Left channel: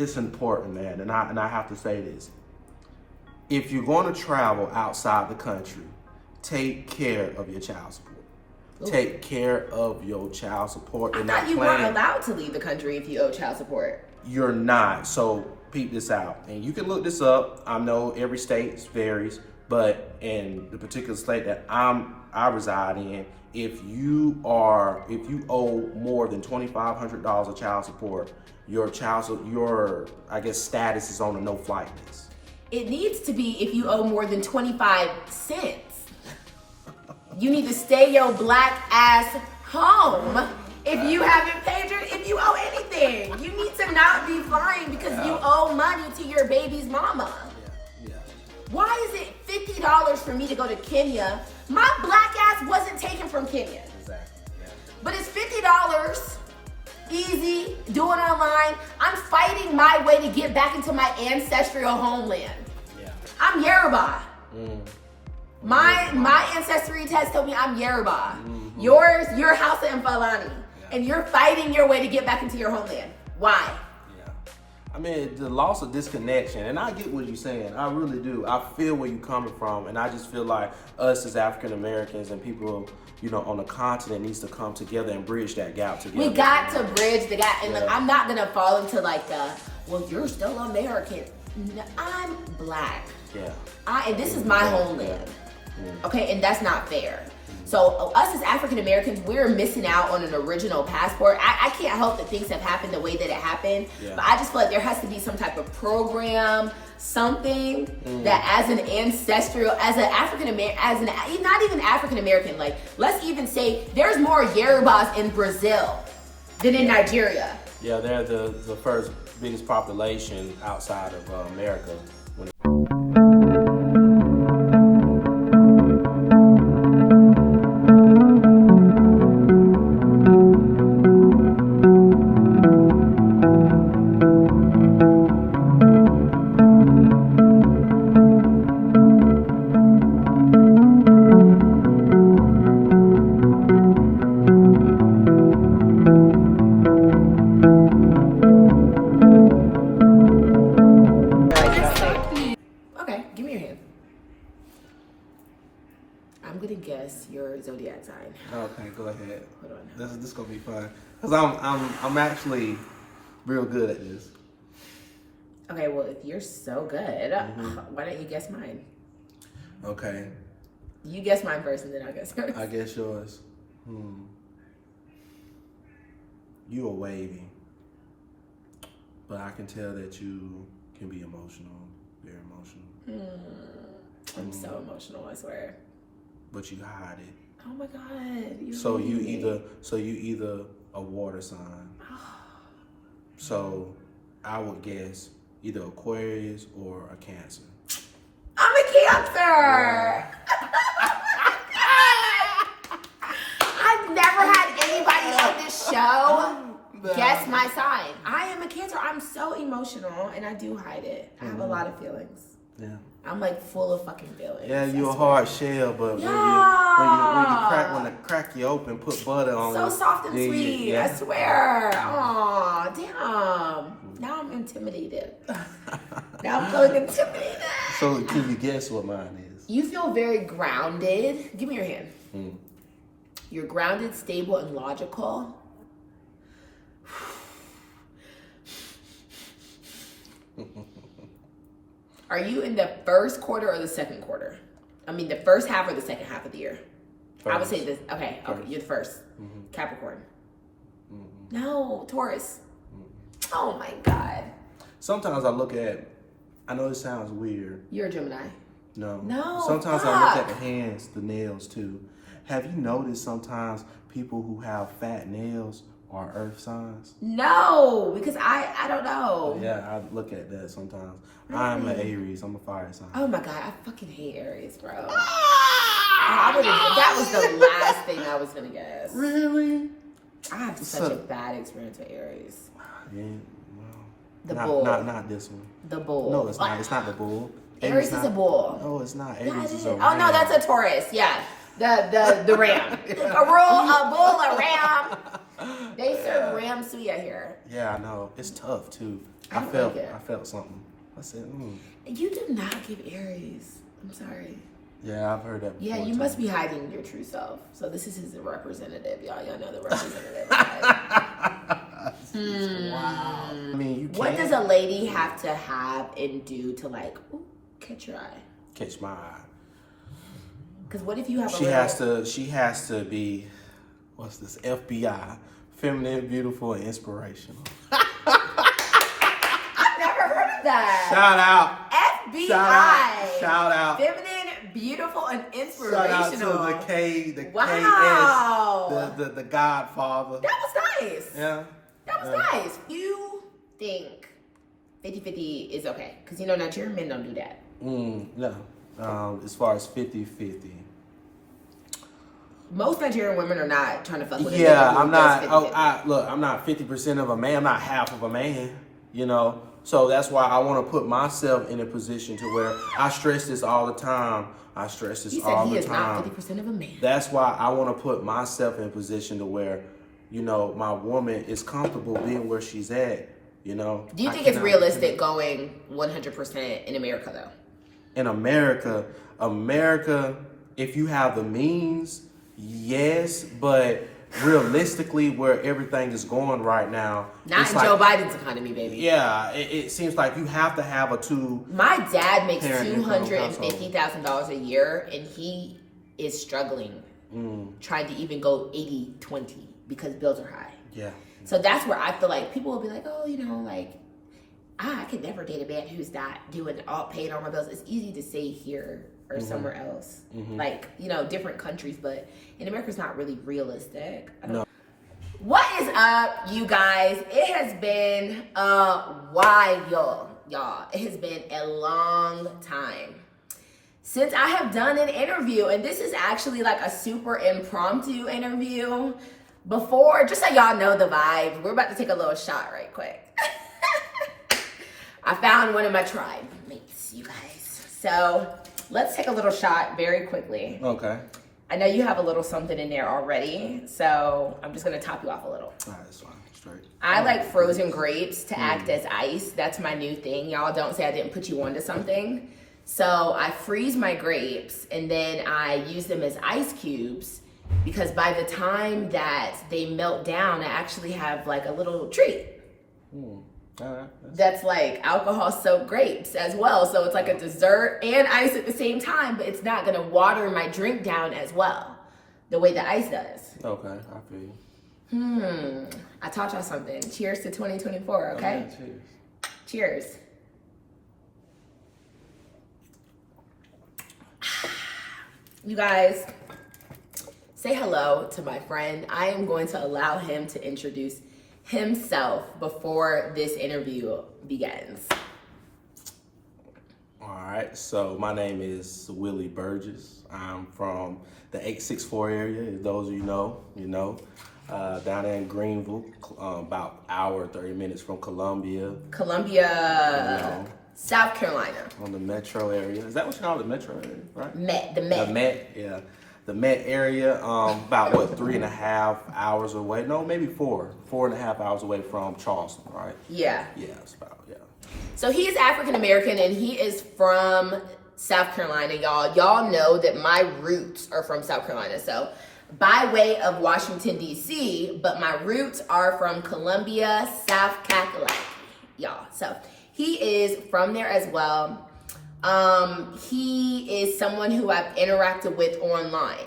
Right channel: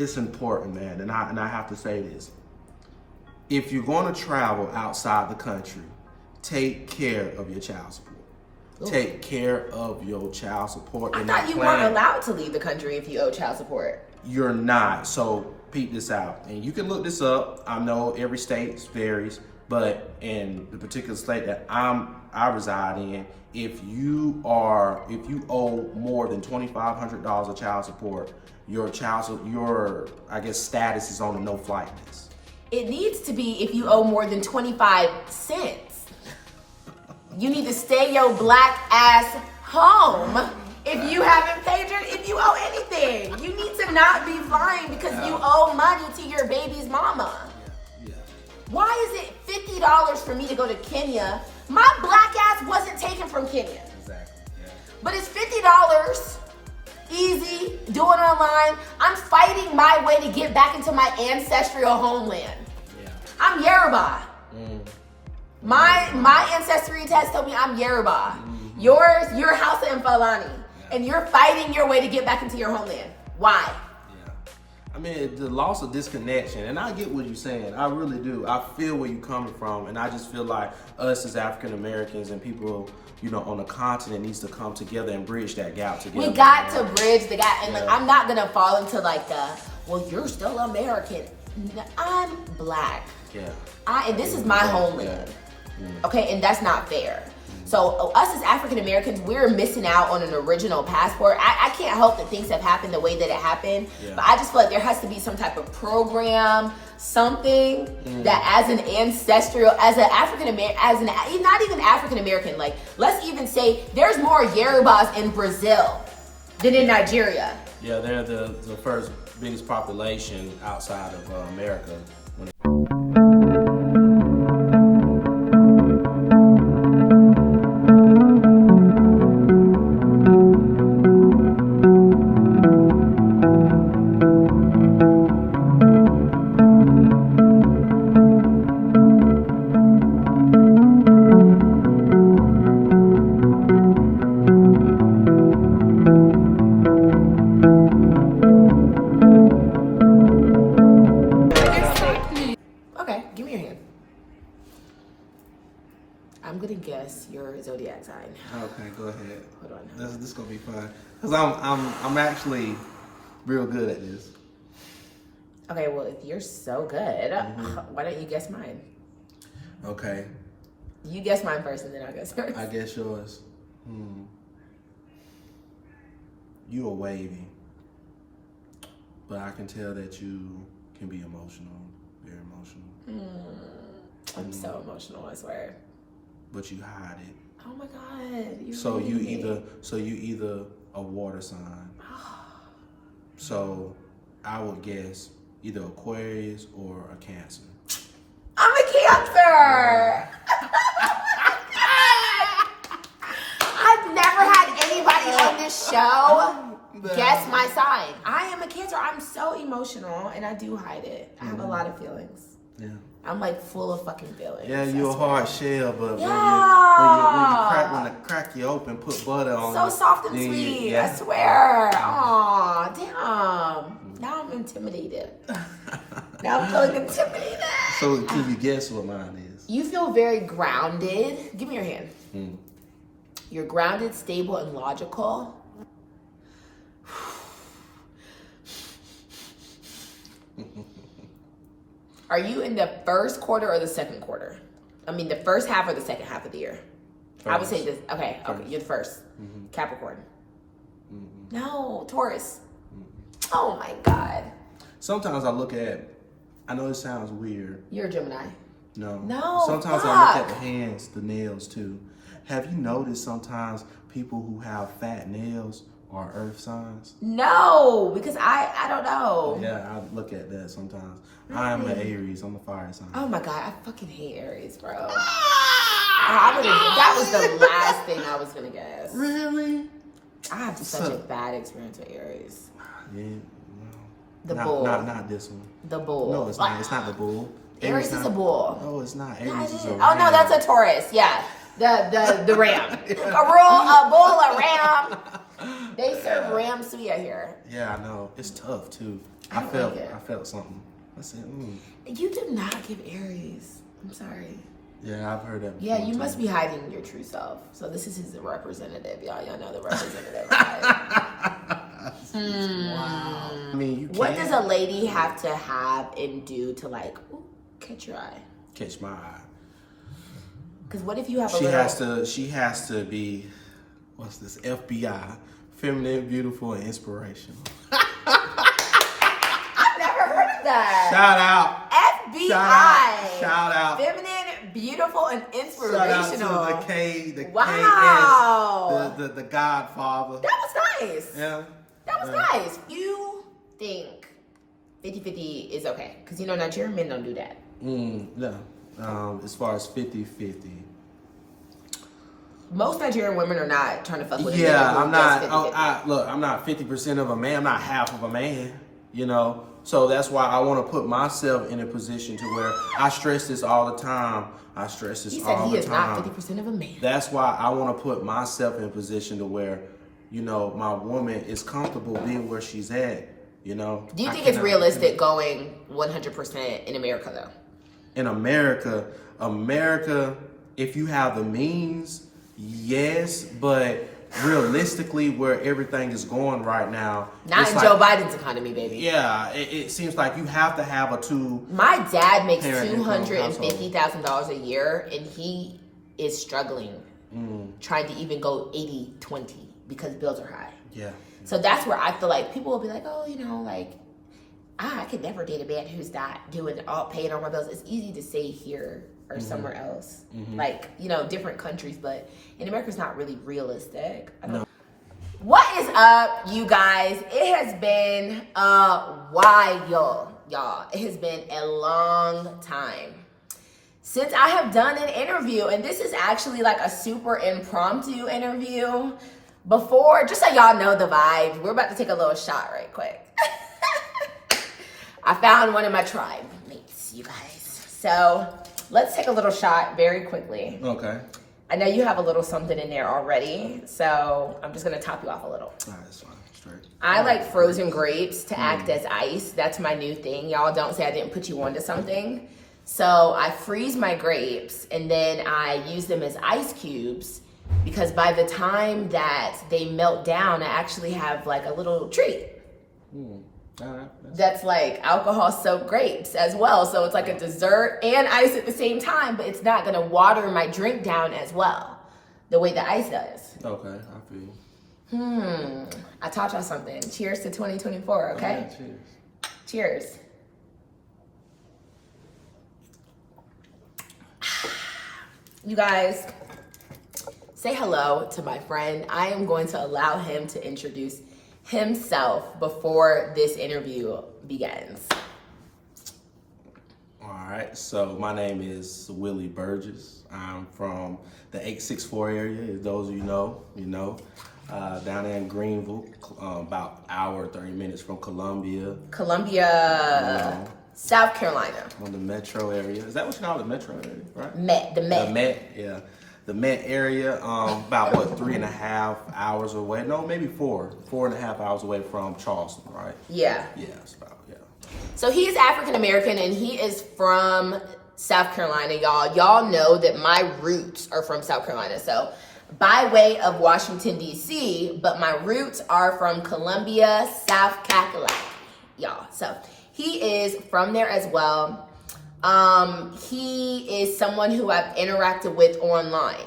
It's important, man, and I have to say this. If you're going to travel outside the country, take care of your child support. Ooh. Take care of your child support. I thought you weren't allowed to leave the country if you owe child support. You're not. So peep this out. And you can look this up. I know every state varies, but in the particular state that I reside in, if you owe more than $2,500 of child support, your status is on a no-flight list. It needs to be if you owe more than 25 cents. You need to stay your black ass home if you haven't paid if you owe anything. You need to not be flying because you owe money to your baby's mama. Yeah. Why is it $50 for me to go to Kenya? My black ass wasn't taken from Kenya. Exactly. Yeah. But it's $50. Easy, do it online. I'm fighting my way to get back into my ancestral homeland. Yeah. I'm Yoruba. My ancestry test told me I'm Yoruba. Mm-hmm. You're Hausa and Fulani. And you're fighting your way to get back into your homeland. Why? Yeah. I mean, the loss of disconnection, and I get what you're saying. I really do. I feel where you're coming from, and I just feel like us as African Americans and people, on the continent needs to come together and bridge that gap together. We got to bridge the gap. And I'm not going to fall into well, you're still American. I'm black. Yeah. And this is my homeland. Yeah. Okay, and that's not fair. So us as African Americans, we're missing out on an original passport. I can't help that things have happened the way that it happened, but I just feel like there has to be some type of program, something that as an African American, not even African American, like let's even say there's more Yorubas in Brazil than in Nigeria. Yeah, they're the first biggest population outside of America. I'm gonna guess your zodiac sign. Okay, go ahead. Hold on. This is gonna be fun because I'm actually real good at this. Okay, well if you're so good, why don't you guess mine? Okay. You guess mine first, and then I'll guess first. I guess yours. You are wavy, but I can tell that you can be emotional, very emotional. I'm so emotional, I swear. But you hide it. Oh my God. So you either a water sign. So I would guess either Aquarius or a Cancer. I'm a Cancer. I've never had anybody on this show guess my sign. I am a Cancer. I'm so emotional and I do hide it. I have a lot of feelings. Yeah. I'm like full of fucking feelings. Yeah, you're a hard shell, but when you crack you open, put butter on so it. Soft and sweet, I swear. Aw, damn. Now I'm intimidated. Now I'm feeling intimidated. So can you guess what mine is? You feel very grounded. Give me your hand. You're grounded, stable, and logical. Are you in the first quarter or the second quarter? I mean, the first half or the second half of the year? First. I would say this. Okay, you're the first. Capricorn. No, Taurus. Oh my God. Sometimes I know it sounds weird. You're a Gemini. No. Sometimes I look at the hands, the nails too. Have you noticed sometimes people who have fat nails are earth signs? No, because I don't know. Yeah, I look at that sometimes. Really? I'm an Aries. I'm a fire sign. Oh my God, I fucking hate Aries, bro. That was the last thing I was gonna guess. Really? I have such a bad experience with Aries. Yeah, well, bull. Not this one. The bull. No, it's not. It's not the bull. Aries is a bull. No, it's not. Aries is a ram. Oh no, that's a Taurus. Yeah, the ram. A bull, a ram. They serve ram suya here. Yeah, I know. It's tough too. I felt something. I said, You do not give Aries. I'm sorry. Yeah, I've heard that before. Yeah, you must be hiding your true self. So this is his representative, y'all. Y'all know the representative, right? Wow. I mean, you What does a lady have to have and do to like catch your eye? Catch my eye. Because what if you have She has to be, what's this? FBI, feminine, beautiful, and inspirational. I've never heard of that. Shout out. FBI. Shout out. Feminine, beautiful, and inspirational. Shout out to the K, the wow. KS, the Godfather. That was nice. Yeah. That was nice. You think 50-50 is okay? Because Nigerian men don't do that. No. As far as 50-50. Most Nigerian women are not trying to fuck with a Yeah, nigga I'm not. I'm not 50% of a man. I'm not half of a man. So that's why I want to put myself in a position to where I stress this all the time. He said he is not 50% of a man. That's why I want to put myself in a position to where, my woman is comfortable being where she's at. Do you think it's realistic going 100% in America though? In America, if you have the means, yes, but realistically, where everything is going right now, not in Joe Biden's economy, baby. Yeah, it seems like you have to have a two. My dad makes $250,000 a year, and he is struggling, trying to even go 80-20 because bills are high. Yeah. So that's where I feel like people will be like, I could never date a man who's not paying all my bills. It's easy to say here or somewhere else, different countries, but in America, it's not really realistic. No. What is up, you guys? It has been a while, y'all. It has been a long time since I have done an interview, and this is actually like a super impromptu interview. Before, just so y'all know the vibe, we're about to take a little shot right quick. I found one of my tribe mates, you guys. So let's take a little shot very quickly. Okay. I know you have a little something in there already, so I'm just gonna top you off a little. All right, that's fine. Straight. I like frozen grapes to act as ice. That's my new thing. Y'all don't say I didn't put you onto something. So I freeze my grapes and then I use them as ice cubes because by the time that they melt down, I actually have like a little treat. That's like alcohol soaked grapes as well. So it's like a dessert and ice at the same time, but it's not gonna water my drink down as well, the way the ice does. Okay, I feel you. I taught y'all something. Cheers to 2024, okay? Cheers. You guys, say hello to my friend. I am going to allow him to introduce himself before this interview begins. All right, so my name is Willie Burgess. I'm from the 864 area, as those of you know, down there in Greenville, about an hour, 30 minutes from Columbia. South Carolina. On the metro area. Is that what you call it, metro area, right? The Met. The Met, yeah. The Met area, about 3.5 hours away? No, maybe 4.5 hours away from Charleston, right? Yeah. Yeah, it's about, yeah. So he is African American and he is from South Carolina, y'all. Y'all know that my roots are from South Carolina. So by way of Washington, D.C., but my roots are from Columbia, South Carolina, y'all. So he is from there as well. He is someone who I've interacted with online,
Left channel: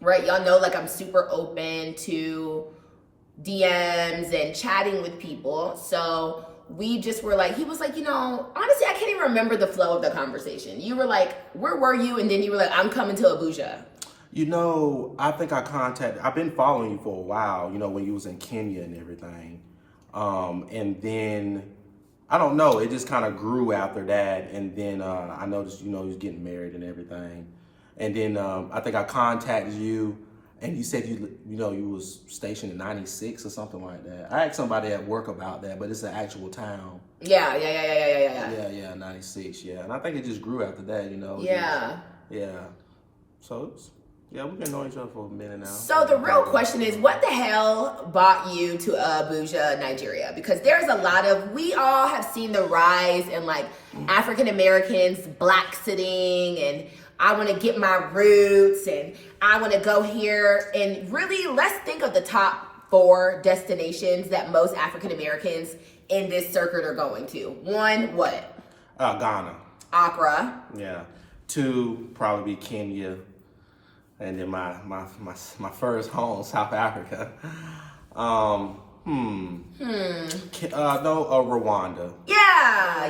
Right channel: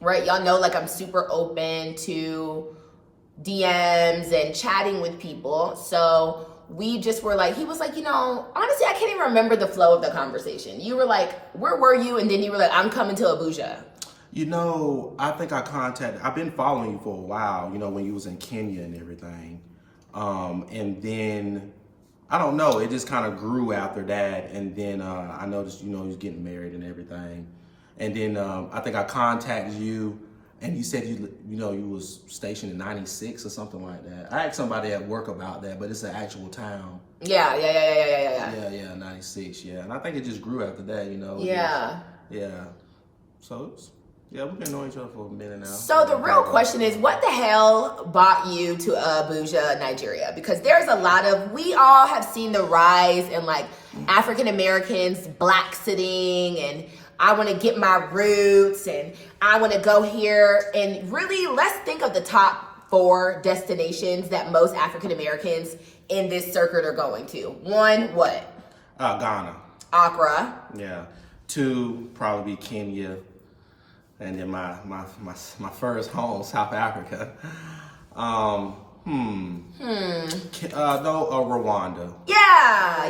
right? Y'all know, like, I'm super open to DMs and chatting with people. So we just were like, he was like, honestly, I can't even remember the flow of the conversation. You were like, where were you? And then you were like, I'm coming to Abuja. I think I've been following you for a while, when you was in Kenya and everything. And then, I don't know, it just kind of grew after that. And then I noticed, he was getting married and everything. And then I think I contacted you and you said you was stationed in 96 or something like that. I asked somebody at work about that, but it's an actual town. Yeah. Yeah, 96, yeah. And I think it just grew after that, Yeah. Yeah. So Yeah, we've been knowing each other for a minute now. So the real question is, what the hell brought you to Abuja, Nigeria? Because there's a lot of, we all have seen the rise in like African Americans Blaxiting, and I want to get my roots, and I want to go here. And really, let's think of the top 4 destinations that most African Americans in this circuit are going to. 1, what? Ghana. Accra. Yeah. 2, probably be Kenya. And then my first home, South Africa. Rwanda. Yeah.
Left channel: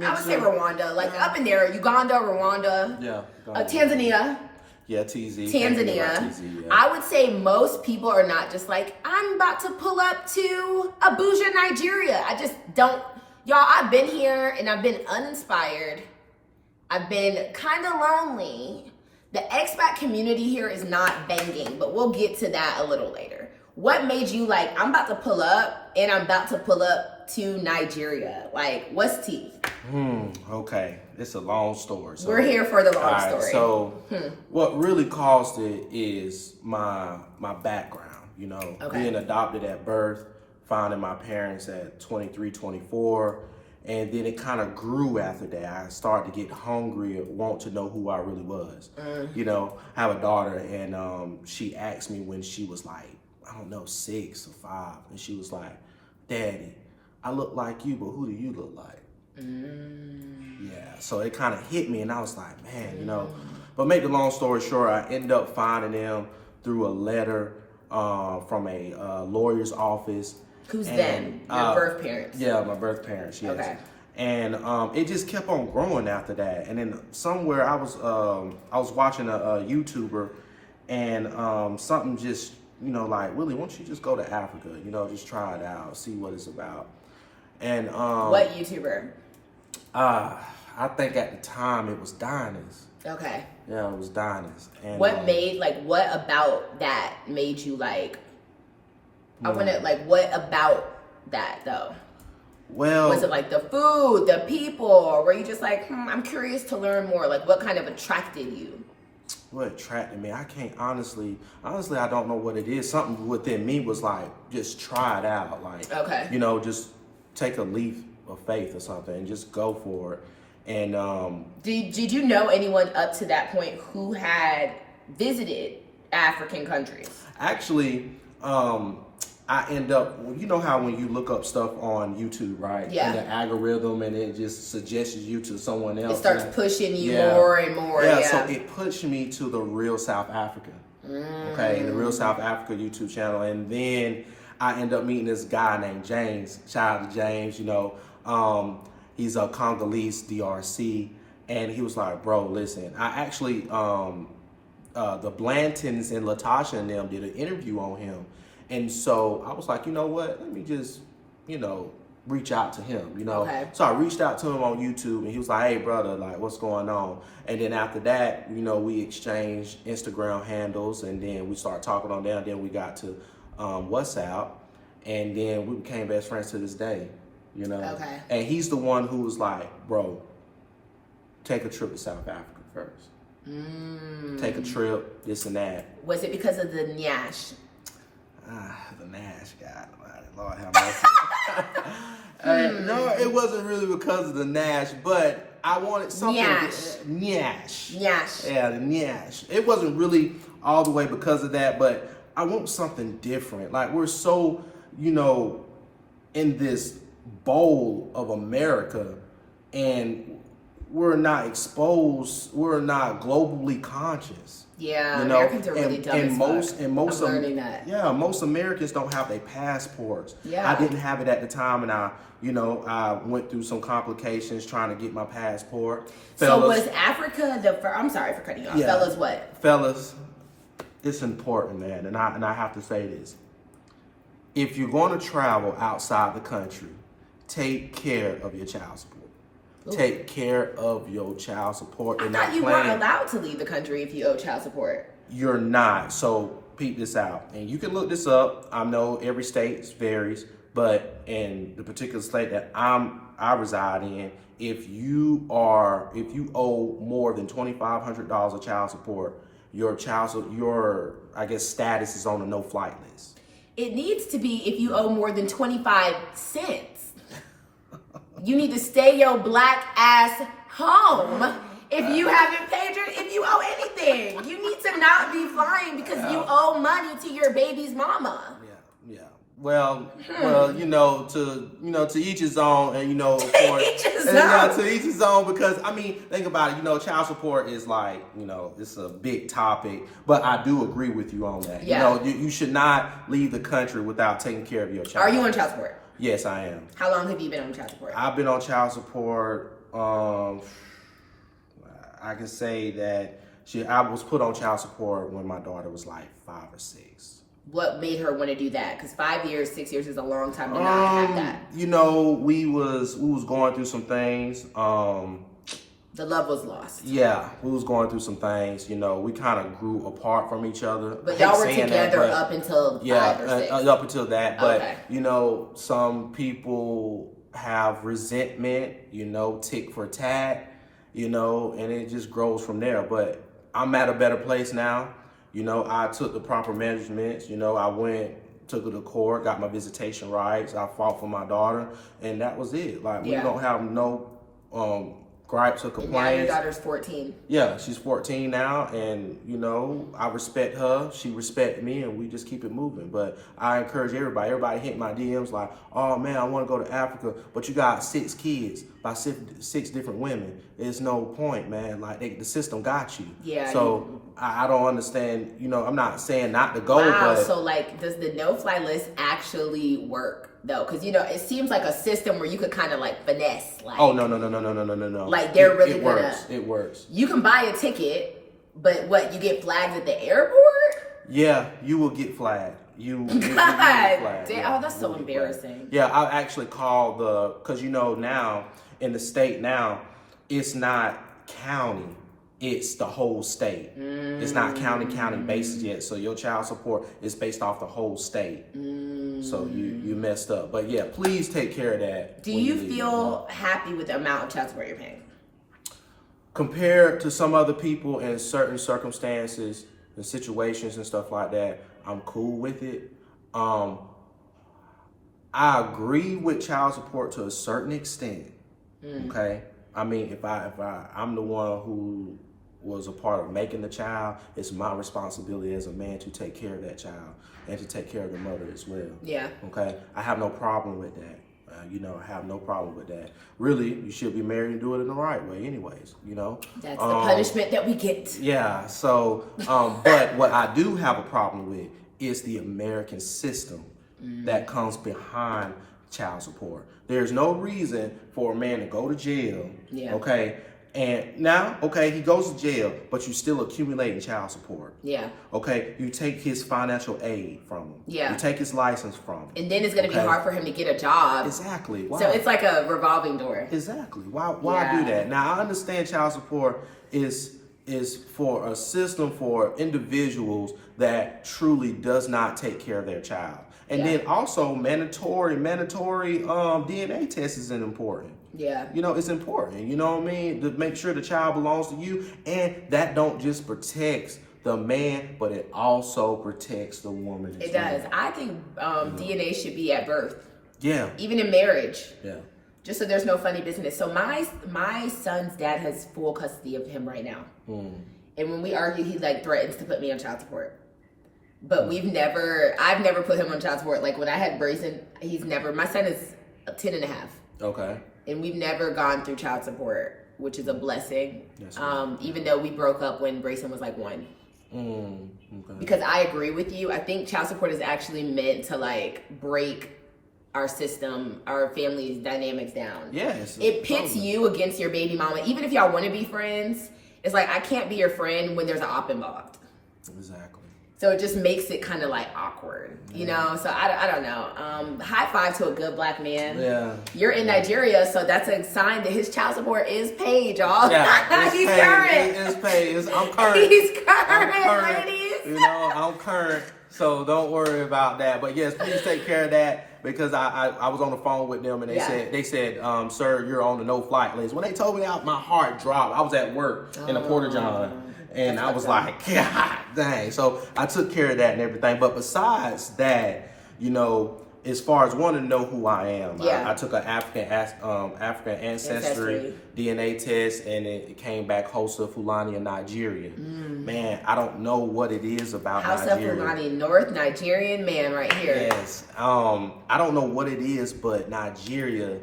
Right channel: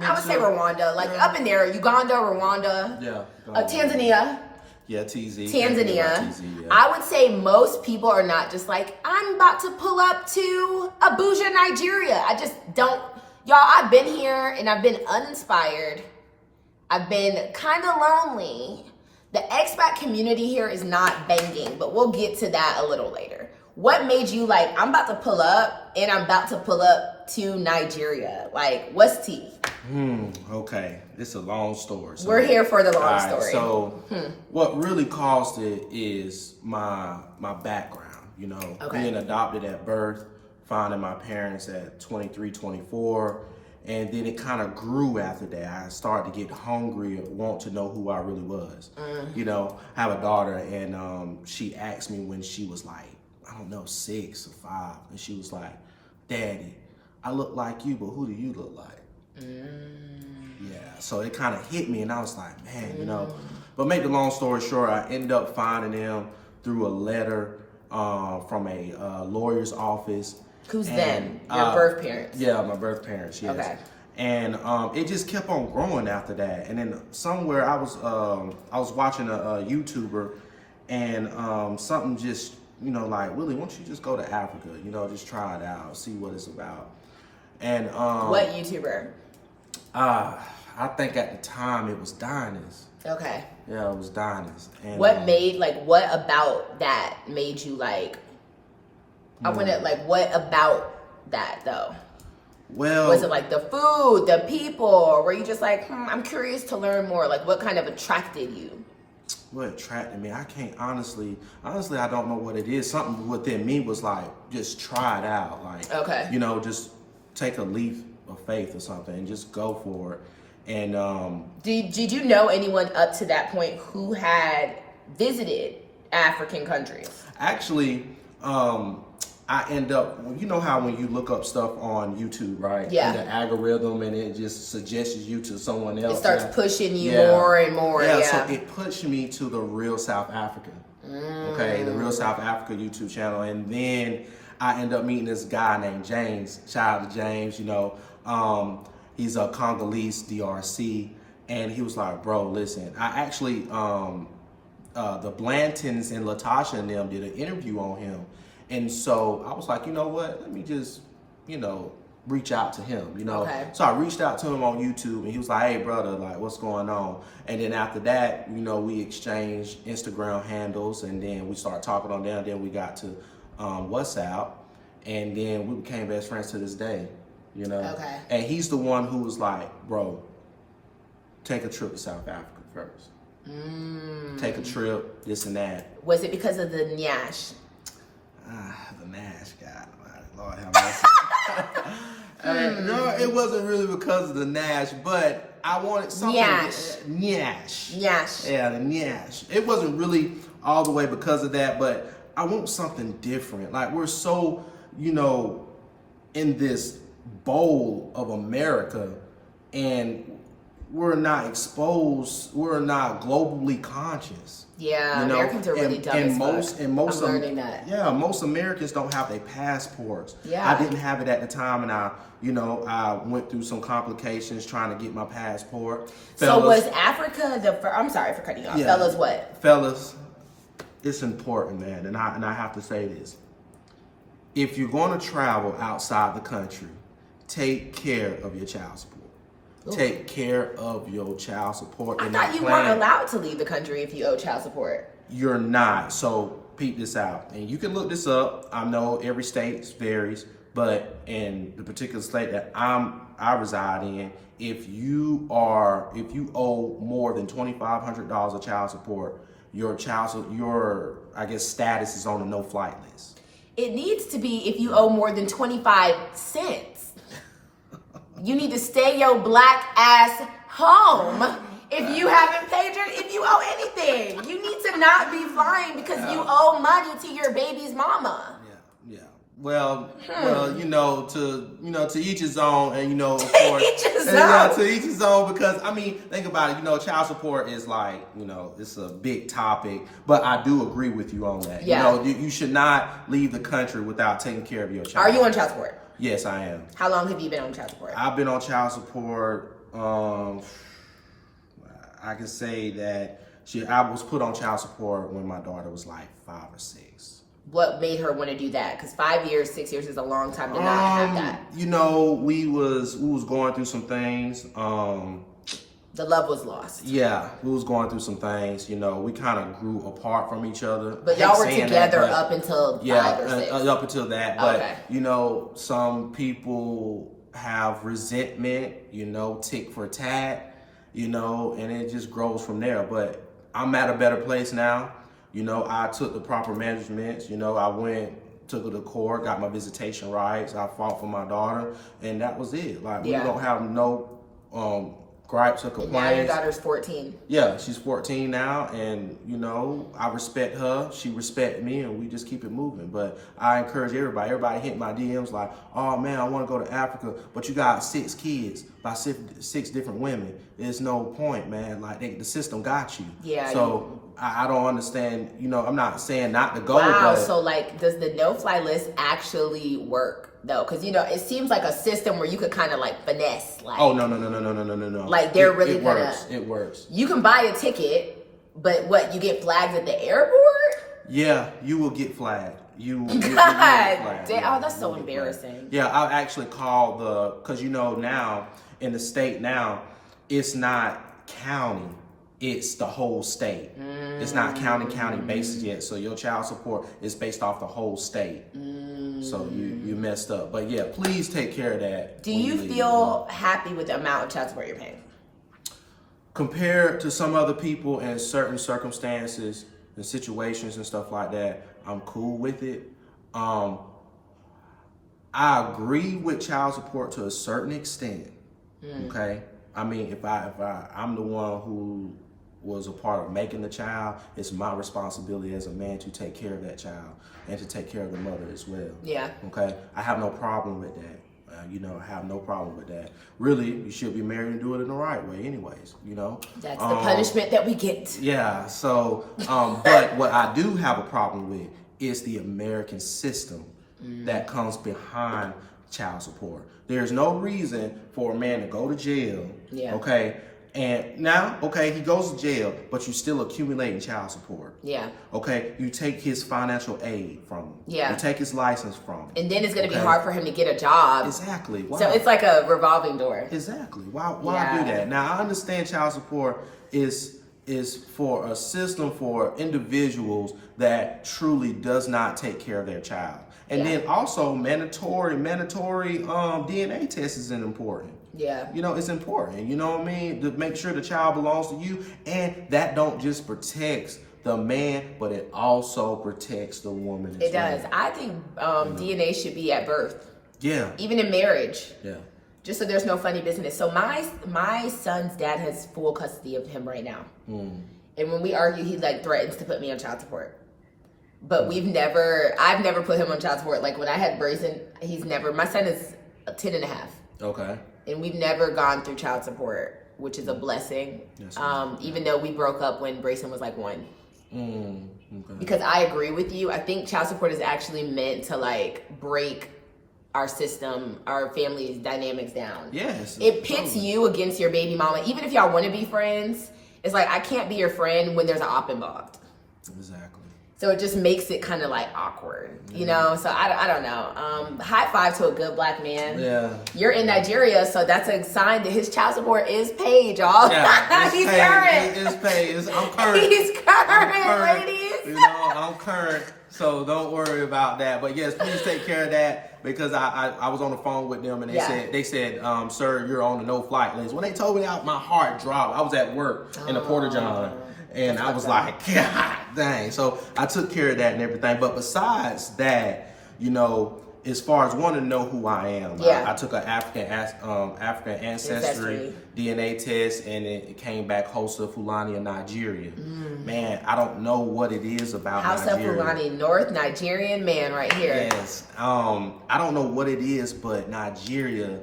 I would say Rwanda, like up in there, Uganda, Rwanda. Yeah. Tanzania. Yeah, TZ. Tanzania. TZ, yeah. I would say most people are not just like, I'm about to pull up to Abuja, Nigeria. I just don't. Y'all, I've been here and I've been uninspired. I've been kind of lonely. The expat community here is not banging, but we'll get to that a little later. What made you like, I'm about to pull up and I'm about to pull up to Nigeria? Like, what's tea? Okay. It's a long story. So, we're here for the long story. So what really caused it is my background, you know, being adopted at birth, finding my parents at 23, 24. And then it kind of grew after that. I started to get hungry and want to know who I really was. You know, I have a daughter, and she asked me when she was like, I don't know, 6 or 5. And she was like, Daddy, I look like you, but who do you look like? Yeah, so it kind of hit me, and I was like, man, you know. But make the long story short, I ended up finding them through a letter from a lawyer's office. Who's them? Your birth parents? Yeah, my birth parents, yes. Okay. And it just kept on growing after that. And then somewhere I was watching a YouTuber, and something just, you know, like, Willie, why don't you just go to Africa? You know, just try it out, see what it's about. And what YouTuber? I think at the time it was Diners. Okay. Yeah, it was Diners. And what about that made you like, I want to, like, what about that though? Well, was it like the food, the people, or were you just like, I'm curious to learn more? Like, what kind of attracted you? What attracted me? I can't honestly, I don't know what it is. Something within me was like, just try it out. Like, you know, just take a leap of faith or something and just go for it. And did you know anyone up to that point who had visited African countries? Actually, I end up, you know how when you look up stuff on YouTube, right? Yeah. And the algorithm, and it just suggests you to someone else. It starts pushing you more and more. Yeah, so it pushed me to the Real South Africa. Okay, the Real South Africa YouTube channel. And then I end up meeting this guy named James. Shout out to James, you know. He's a Congolese DRC. And he was like, bro, listen, I actually, the Blantons and Latasha and them did an interview on him. And so I was like, you know what? Let me just, you know, reach out to him, you know? Okay. So I reached out to him on YouTube, and he was like, hey, brother, like, what's going on? And then after that, you know, we exchanged Instagram handles, and then we started talking on there. And then we got to WhatsApp, and then we became best friends to this day, you know? Okay. And he's the one who was like, bro, take a trip to South Africa first. Take a trip, this and that. Was it because of the Nyash? The Nash, God, Lord have mercy. No, it wasn't really because of the Nash, but I wanted something. Nyash. Yeah, the Nyash. It wasn't really all the way because of that, but I want something different. Like, we're so, you know, in this bowl of America, and we're not exposed, we're not globally conscious. Yeah, you know, Americans are really dumb as fuck. And most I'm learning that. Yeah, most Americans don't have their passports. Yeah. I didn't have it at the time, and I went through some complications trying to get my passport. So was Africa I'm sorry for cutting you off. Yeah. Fellas, what? Fellas, it's important, man, and I have to say this. If you're going to travel outside the country, take care of your child support. Take care of your child support. I thought you weren't allowed to leave the country if you owe child support. You're not. So peep this out. And you can look this up. I know every state varies, but in the particular state that I reside in, if you owe more than $2,500 of child support, your I guess status is on a no-flight list. It needs to be if you owe more than 25 cents. You need to stay your black ass home if you haven't paid if you owe anything. You need to not be flying because you owe money to your baby's mama. Yeah. Well, to each his own, and of course, to each his own. Because I mean, think about it. Child support is like, it's a big topic. But I do agree with you on that. Yeah. You should not leave the country without taking care of your child. Are you on child support? Yes, I am. How long have you been on child support? I've been on child support. I can say that I was put on child support when my daughter was like 5 or 6. What made her want to do that? Because 5 years, 6 years is a long time to not have that. We was going through some things. The love was lost. Yeah, we was going through some things. We kind of grew apart from each other. But y'all were together up until 5 or 6. Up until that. But okay. Some people have resentment. Tick for tat. And it just grows from there. But I'm at a better place now. I took the proper measurements. I took her to court, got my visitation rights. I fought for my daughter, and that was it. Like, we don't have no gripes or complaints. And now your daughter's 14. Yeah, she's 14 now, and I respect her. She respects me, and we just keep it moving. But I encourage everybody. Everybody hit my DMs like, "Oh man, I want to go to Africa, but you got 6 kids by 6 different women. There's no point, man. Like the system got you." Yeah. So I don't understand. I'm not saying not to go, wow, but so does the no-fly list actually work? Though, because it seems like a system where you could kind of finesse. Oh no. Like they're really it gonna. Works. It works. You can buy a ticket, but what, you get flagged at the airport? Yeah, you will get flagged. You God, get flagged. damn, that's so embarrassing. Yeah, I actually called because now in the state now, it's not county. It's the whole state. It's not county basis yet. So your child support is based off the whole state. So you messed up. But yeah, please take care of that. Do you feel happy with the amount of child support you're paying? Compared to some other people in certain circumstances and situations and stuff like that, I'm cool with it. I agree with child support to a certain extent. Okay. I mean, if I'm the one who was a part of making the child, it's my responsibility as a man to take care of that child and to take care of the mother as well. Yeah. Okay. I have no problem with that. I have no problem with that. Really, you should be married and do it in the right way anyways, That's the punishment that we get. Yeah. So, but what I do have a problem with is the American system that comes behind child support. There's no reason for a man to go to jail. Yeah. Okay. And now, he goes to jail, but you're still accumulating child support. Yeah. Okay. You take his financial aid from him. Yeah. You take his license from him. And then it's going to be hard for him to get a job. Exactly. Why? So it's like a revolving door. Exactly. Why do that? Now, I understand child support is for a system for individuals that truly does not take care of their child. And then also mandatory DNA test is important. Yeah. It's important, to make sure the child belongs to you. And that don't just protects the man, but it also protects the woman. It does. I think DNA should be at birth. Yeah. Even in marriage. Yeah. Just so there's no funny business. So my son's dad has full custody of him right now. And when we argue, he threatens to put me on child support. But I've never put him on child support. Like when I had Brayson, my son is 10 and a half. Okay. And we've never gone through child support, which is a blessing. Yes, even though we broke up when Brayson was 1. Okay. Because I agree with you. I think child support is actually meant to break our system, our family dynamics down. Yes. It pits you against your baby mama. Even if y'all want to be friends, it's I can't be your friend when there's an op involved. Exactly. So it just makes it kind of awkward, So I don't know. High five to a good black man. Yeah. You're in Nigeria, so that's a sign that his child support is paid, y'all. Yeah, He's current. It's paid. I'm current. He's current, ladies. I'm current. So don't worry about that. But yes, please take care of that because I was on the phone with them and they said, sir, you're on the no-flight list. When they told me that, my heart dropped. I was at work in the Porta John. And I was like, God dang. So I took care of that and everything. But besides that, you know, as far as wanting to know who I am, I took an African ancestry DNA test, and it came back Hausa Fulani of Nigeria. Man, I don't know what it is about Nigeria. Hausa Fulani, North Nigerian man right here. Yes. I don't know what it is, but Nigeria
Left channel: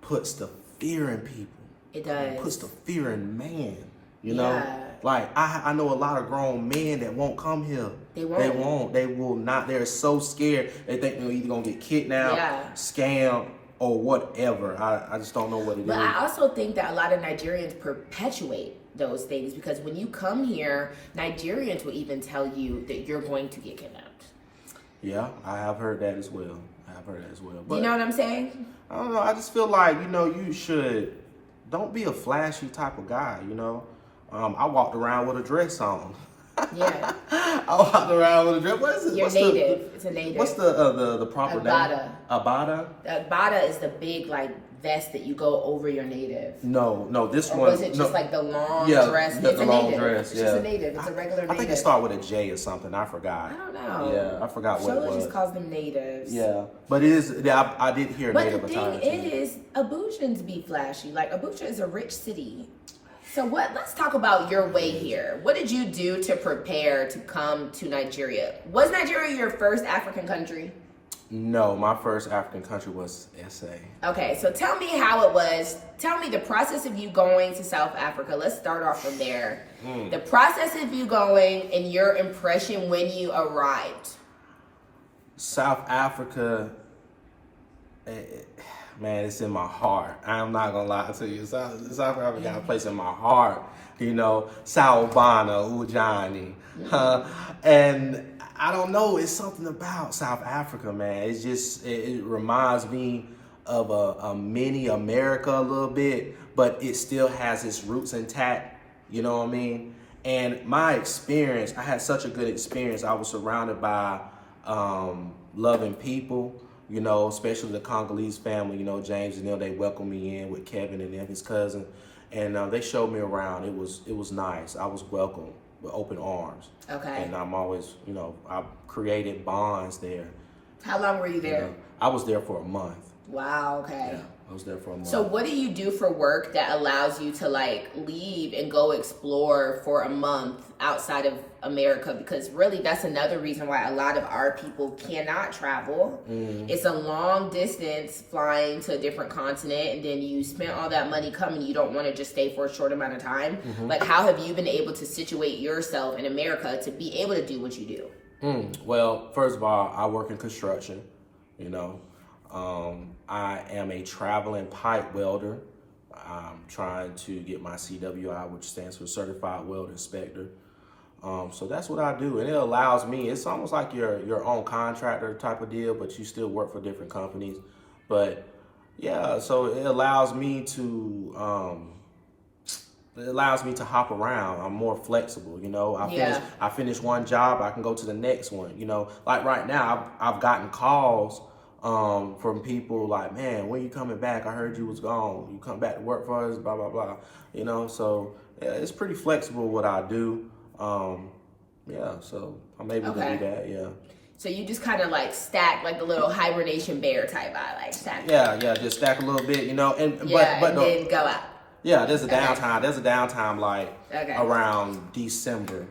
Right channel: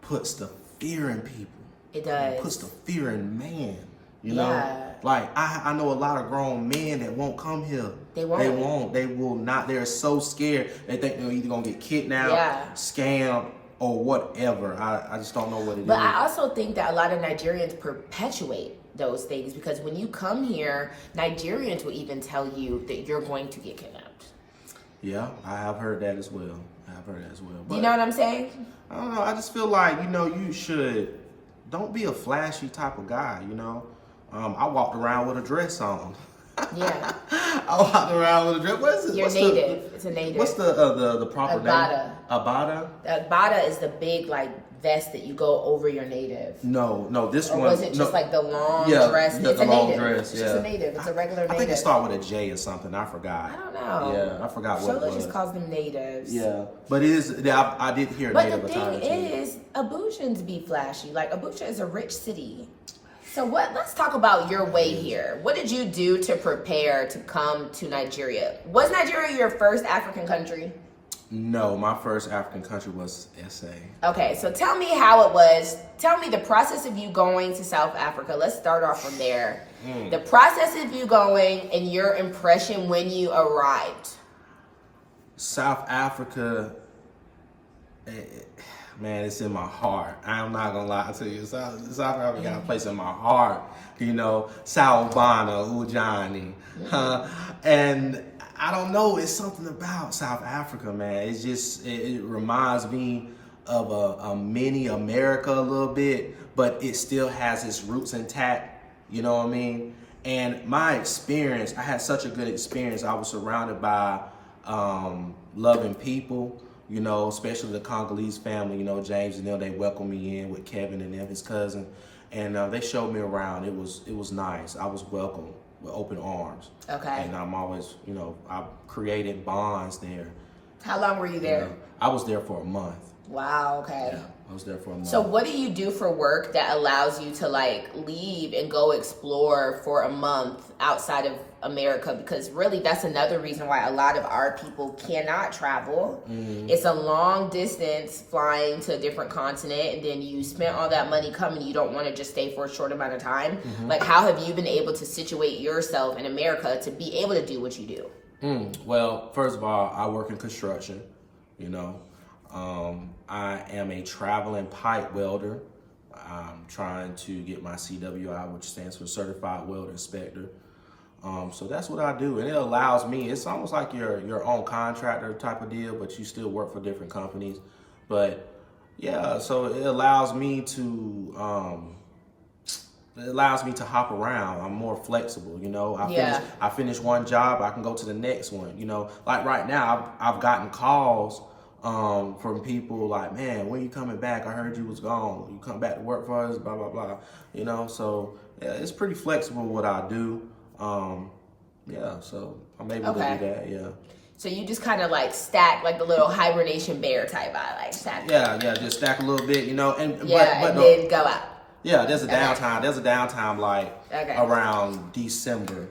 puts the fear in people. It does. It puts the fear in man. You know? Like, I know a lot of grown men that won't come here. They won't. They will not. They're so scared. They think they're either going to get kidnapped, scammed, or whatever. I just don't know what it is. But I also think that a lot of Nigerians perpetuate those things, because when you come here, Nigerians will even tell you that you're going to get kidnapped. Yeah, I have heard that as well. But, you know what I'm saying? I don't know. I just feel like, you know, don't be a flashy type of guy, you know? I walked around with a dress on. Yeah. I walked around with a dress. What is it? You're native. It's a native. What's the proper name? Abada. Abada is the big, like, vest that you go over your native. No, this or one. Was it just like the long dress? Yeah, it's a long dress. It's just a native. It's a regular native. I think it started with a J or something. I forgot. I don't know. Yeah, I forgot what it was. just calls them natives. Yeah, but it is. I did hear native attire. But the thing is, Abujans be flashy. Like, Abuja is a rich city. So let's talk about your way here. What did you do to prepare to come to Nigeria? Was Nigeria your first African country? No, my first African country was SA. Okay, so tell me how it was. Tell me the process of you going to South Africa. Let's start off from there. The process of you going and your impression when you arrived. South Africa, man, it's in my heart. I'm not gonna lie to you. South Africa got a place in my heart. You know, Sawubona, Ujani. And I don't know, it's something about South Africa, man. It's just, it reminds me of a mini America a little bit, but it still has its roots intact. You know what I mean? And my experience, I had such a good experience. I was surrounded by loving people. You know, especially the Congolese family, you know, James and them, they welcomed me in with Kevin and them, his cousin. And they showed me around. It was nice. I was welcomed with open arms. Okay. And I'm always, you know, I've created bonds there. How long were you there? You know, I was there for a month. Wow, okay. Yeah, I was there for a month. So what do you do for work that allows you to like leave and go explore for a month outside of America? Because really that's another reason why a lot of our people cannot travel. It's a long distance flying to a different continent, and then you spent all that money coming, you don't want to just stay for a short amount of time. Like, how have you been able to situate yourself in America to be able to do what you do? Well, first of all, I work in construction, you know. I am a traveling pipe welder. I'm trying to get my CWI, which stands for Certified Welder Inspector. So that's what I do. And it allows me, it's almost like your own contractor type of deal, but you still work for different companies. But yeah, so it allows me to hop around. I'm more flexible, you know. I finish one job, I can go to the next one, you know. Like right now, I've gotten calls from people like, man, when you coming back? I heard you was gone. You come back to work for us, blah, blah, blah. You know, so yeah, it's pretty flexible what I do. So I'm able to do that, yeah. So you just kind of like stack like the little hibernation bear type vibe, like stack. Yeah, just stack a little bit, you know, but then go out. Yeah, there's a downtime. There's a downtime like around December.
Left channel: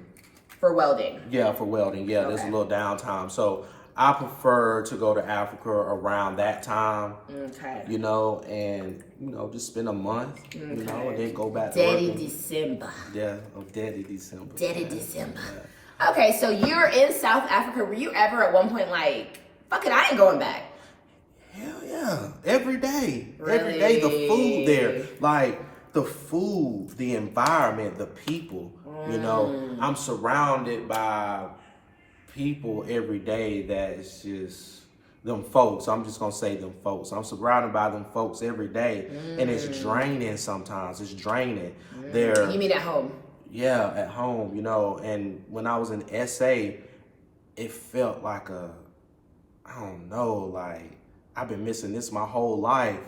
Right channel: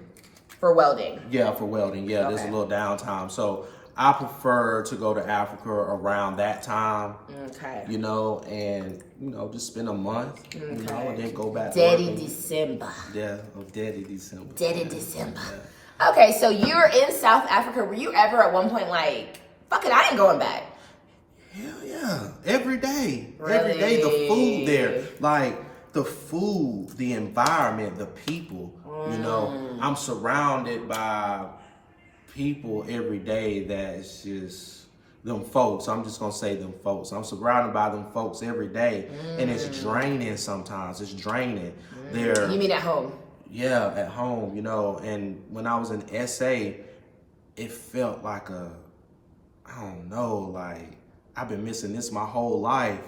For welding. Yeah, for welding. Yeah, there's a little downtime. So I prefer to go to Africa around that time. Okay. You know, and you know, just spend a month, you know, and then go back to work. December. Yeah, Daddy December. December. Yeah. Okay, so you're in South Africa. Were you ever at one point like, fuck it, I ain't going back? Hell yeah. Every day. Really? Every day, the food there. Like, the food, the environment, the people, you know. I'm surrounded by people every day that's just them folks. I'm just gonna say them folks. I'm surrounded by them folks every day, and it's draining sometimes. It's draining. You mean at home? Yeah, at home, you know. And when I was in SA, it felt like I don't know, like I've been missing this my whole life,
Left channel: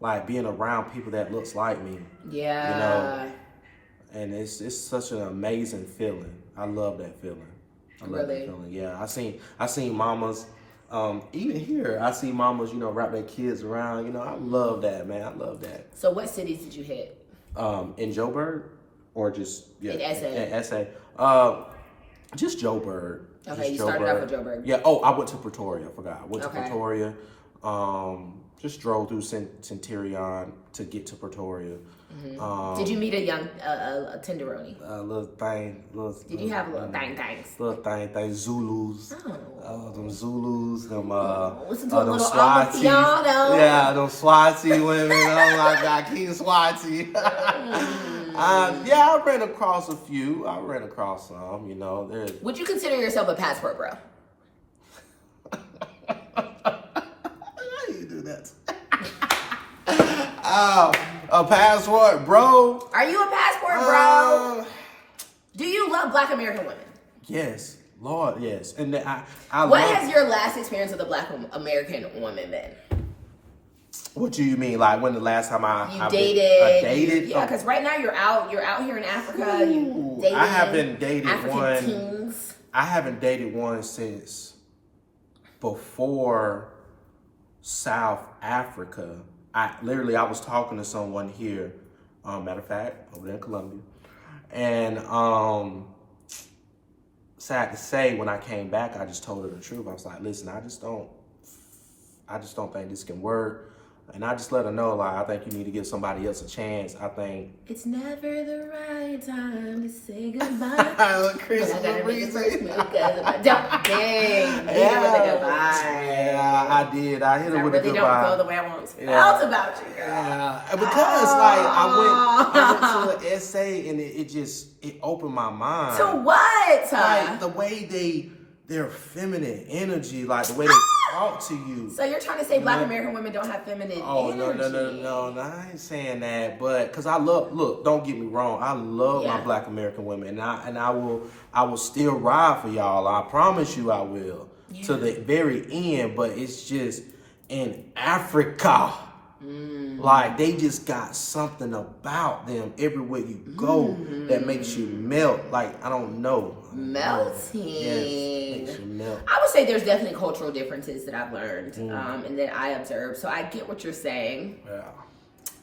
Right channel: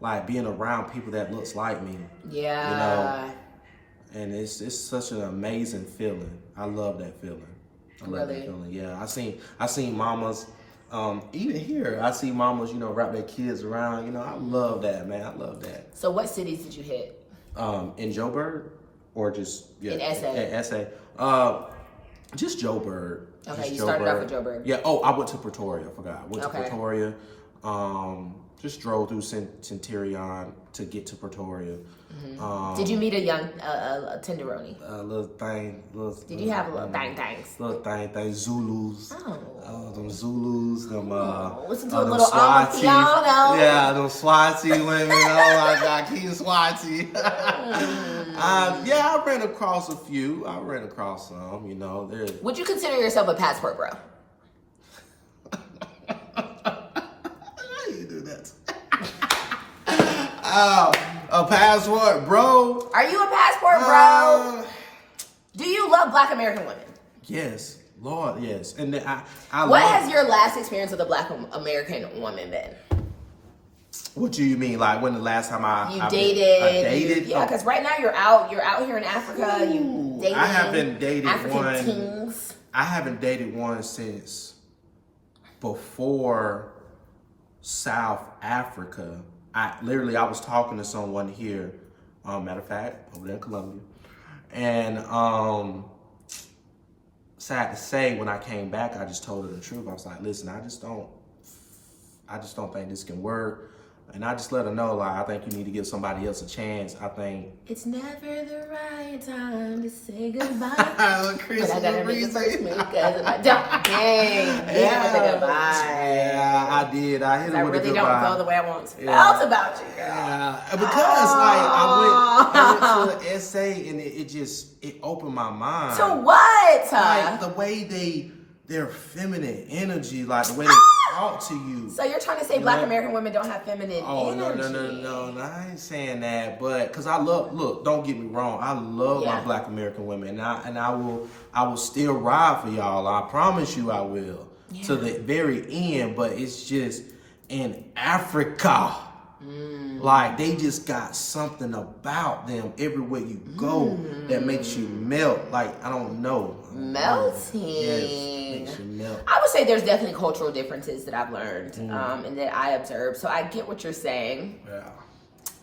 like being around people that looks like me. Yeah. You know. and it's such an amazing feeling. I love that feeling. I love that feeling. Yeah, I seen mamas. Even here, I see mamas, wrap their kids around. I love that, man. I love that. So, what cities did you hit? In Joburg, or just in SA? In SA. Just Joburg. Okay, just you started off with Joburg. Yeah. Oh, I went to Pretoria. I forgot. I went to Pretoria. Just drove through Centurion to get to Pretoria. Mm-hmm. Did you meet a young tenderoni? Little thing. Did you have little things? Little thing. Zulus. Oh. Them Zulus. Them listen to a little Swati. Amapiano. Yeah, them Swati women. Oh my God, King Swati. Yeah, I ran across a few. I ran across some. Would you consider yourself a passport bro? Oh, a passport, bro. Are you a passport, bro? Do you love Black American women? Yes, Lord, yes. And I what has your last experience with a Black American woman been? What do you mean? Like when the last time I dated? Yeah, because right now you're out here in Africa. You dating I haven't dated African one. Kings. I haven't dated one since before South Africa. I was talking to someone here, matter of fact, over there in Colombia. And sad to say, when I came back, I just told her the truth. I was like, listen, I just don't think this can work. And I just let her know, like, I think you need to give somebody else a chance. I think it's never the right time to say goodbye. But I gotta make it first because of my dang. Yeah, I did. I hit her with a goodbye. I really don't feel the way I once felt about you, girl. Yeah, because I went to an essay and it opened my mind. To what? Like the way their feminine energy, like the way they talk to you. So you're trying to say Black American women don't have feminine energy? Oh, no, I ain't saying that. But because look, don't get me wrong. I love my Black American women. And I will still ride for y'all. I promise you I will. Yeah. To the very end. But it's just in Africa. Like they just got something about them everywhere you go that makes you melt. Like I don't know. Melting. Yes, makes you melt. I would say there's definitely cultural differences that I've learned and that I observed. So I get what you're saying. Yeah.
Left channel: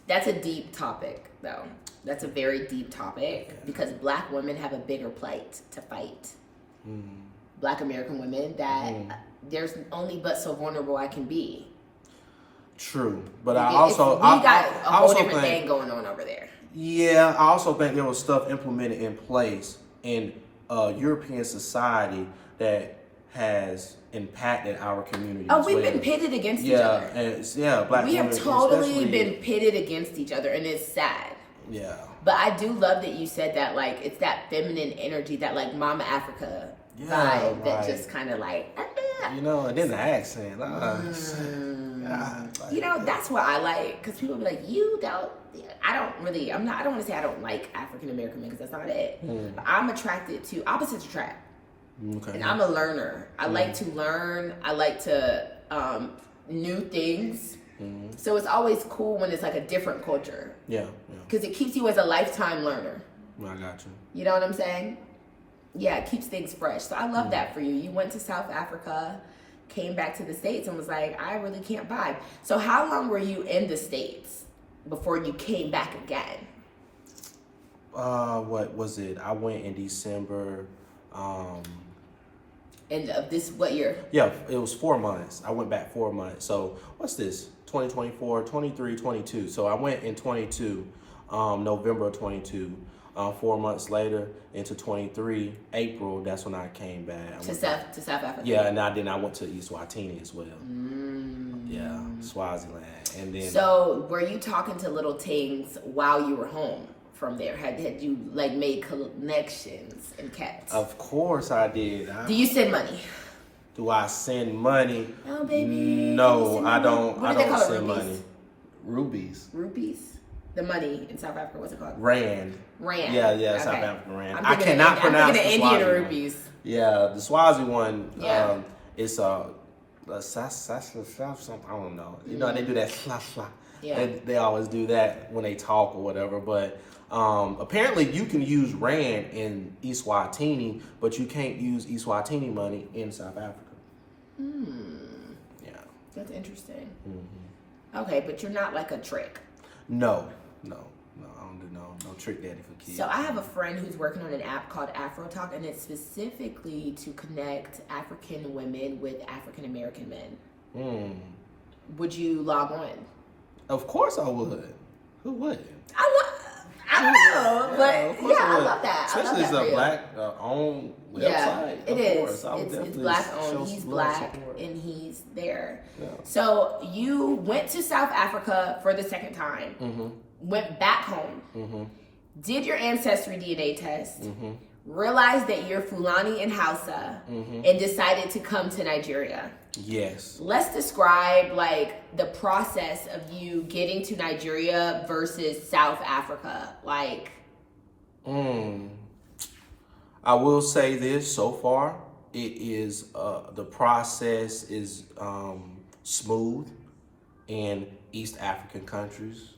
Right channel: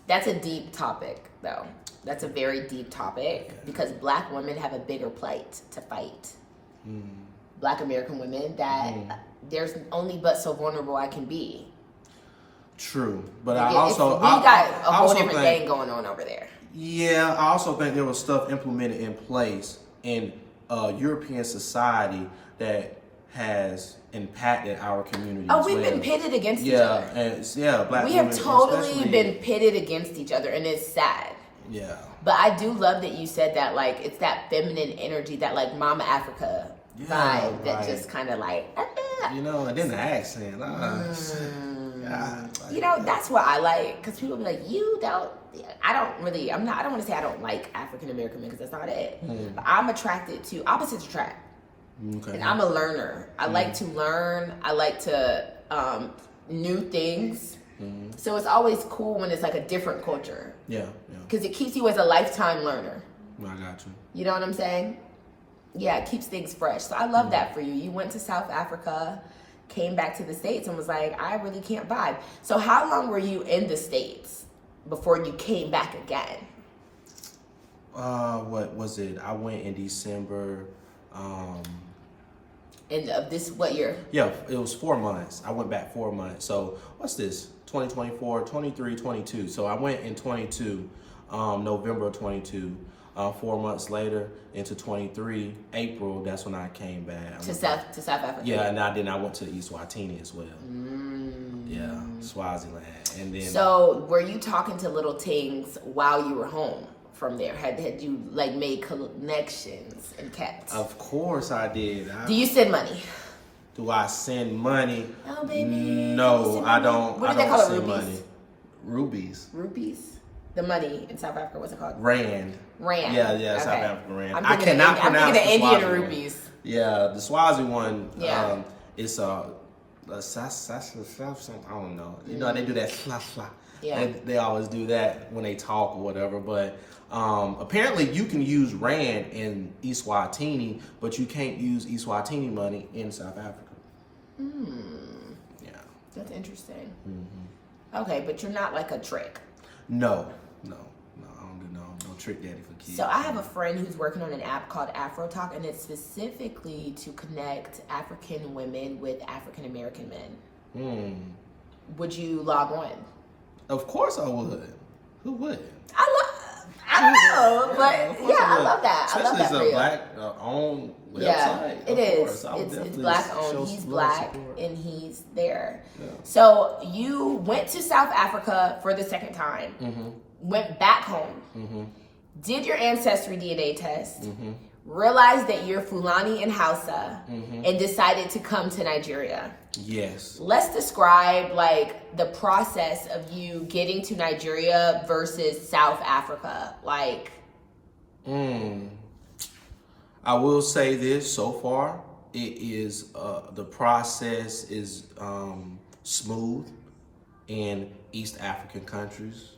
That's a deep topic, though. That's a very deep topic because Black women have a bigger plight to fight. Black American women that there's only but so vulnerable I can be. True, but we got a whole different thing going on over there. Yeah, I also think there was stuff implemented in place in European society that has impacted our community. Oh, we've been pitted against each other. Black we women have totally been pitted against each other, and it's sad. Yeah. But I do love that you said that, like, it's that feminine energy, that, like, Mama Africa vibe that just kind of, like... and then the accent. That's what I like, because people be like, I don't want to say I don't like African American men, because that's not it. But I'm attracted to opposites attract. Okay. And I'm a learner. I like to learn. I like to new things. So it's always cool when it's like a different culture. Yeah. Because it keeps you as a lifetime learner. I got you. You know what I'm saying? Yeah, it keeps things fresh. So I love that for you. You went to South Africa, came back to the States, and was like, I really can't vibe. So how long were you in the States before you came back again? What was it? I went in December. And this, what year? Yeah, it was 4 months. I went back 4 months. So what's this? 2024, 23, 22. So I went in 22, November of 22. 4 months later into 23, April, that's when I came back. To South Africa? Yeah, and then I went to Eswatini as well. Yeah, Swaziland. And then. So were you talking to little things while you were home from there? Had you like made connections and kept? Of course I did. Do you send money? Do I send money? Oh, baby. No, I don't. What do they call it? Send money. Rubies. The money in South Africa, what's it called? Rand. Yeah, okay. South African Rand. I cannot pronounce the Indian rupees. Yeah, the Swazi one, it's I don't know. They do that fla fla. Yeah. They always do that when they talk or whatever. But apparently you can use Rand in Eswatini, but you can't use Eswatini money in South Africa. Yeah. That's interesting. Okay, but you're not like a trick. No, I don't do no trick daddy for kids. So I have a friend who's working on an app called Afro Talk, and it's specifically to connect African women with African American men. Would you log on? Of course I would. Who wouldn't? I don't know, but yeah, I love that. I love that. It's a black owned website. Yeah, it is. It's black owned. He's black and he's there. Yeah. So you went to South Africa for the second time, went back home, did your ancestry DNA test, realized that you're Fulani and Hausa, and decided to come to Nigeria. Yes. Let's describe like the process of you getting to Nigeria versus South Africa. Like, I will say this: so far, it is the process is smooth in East African countries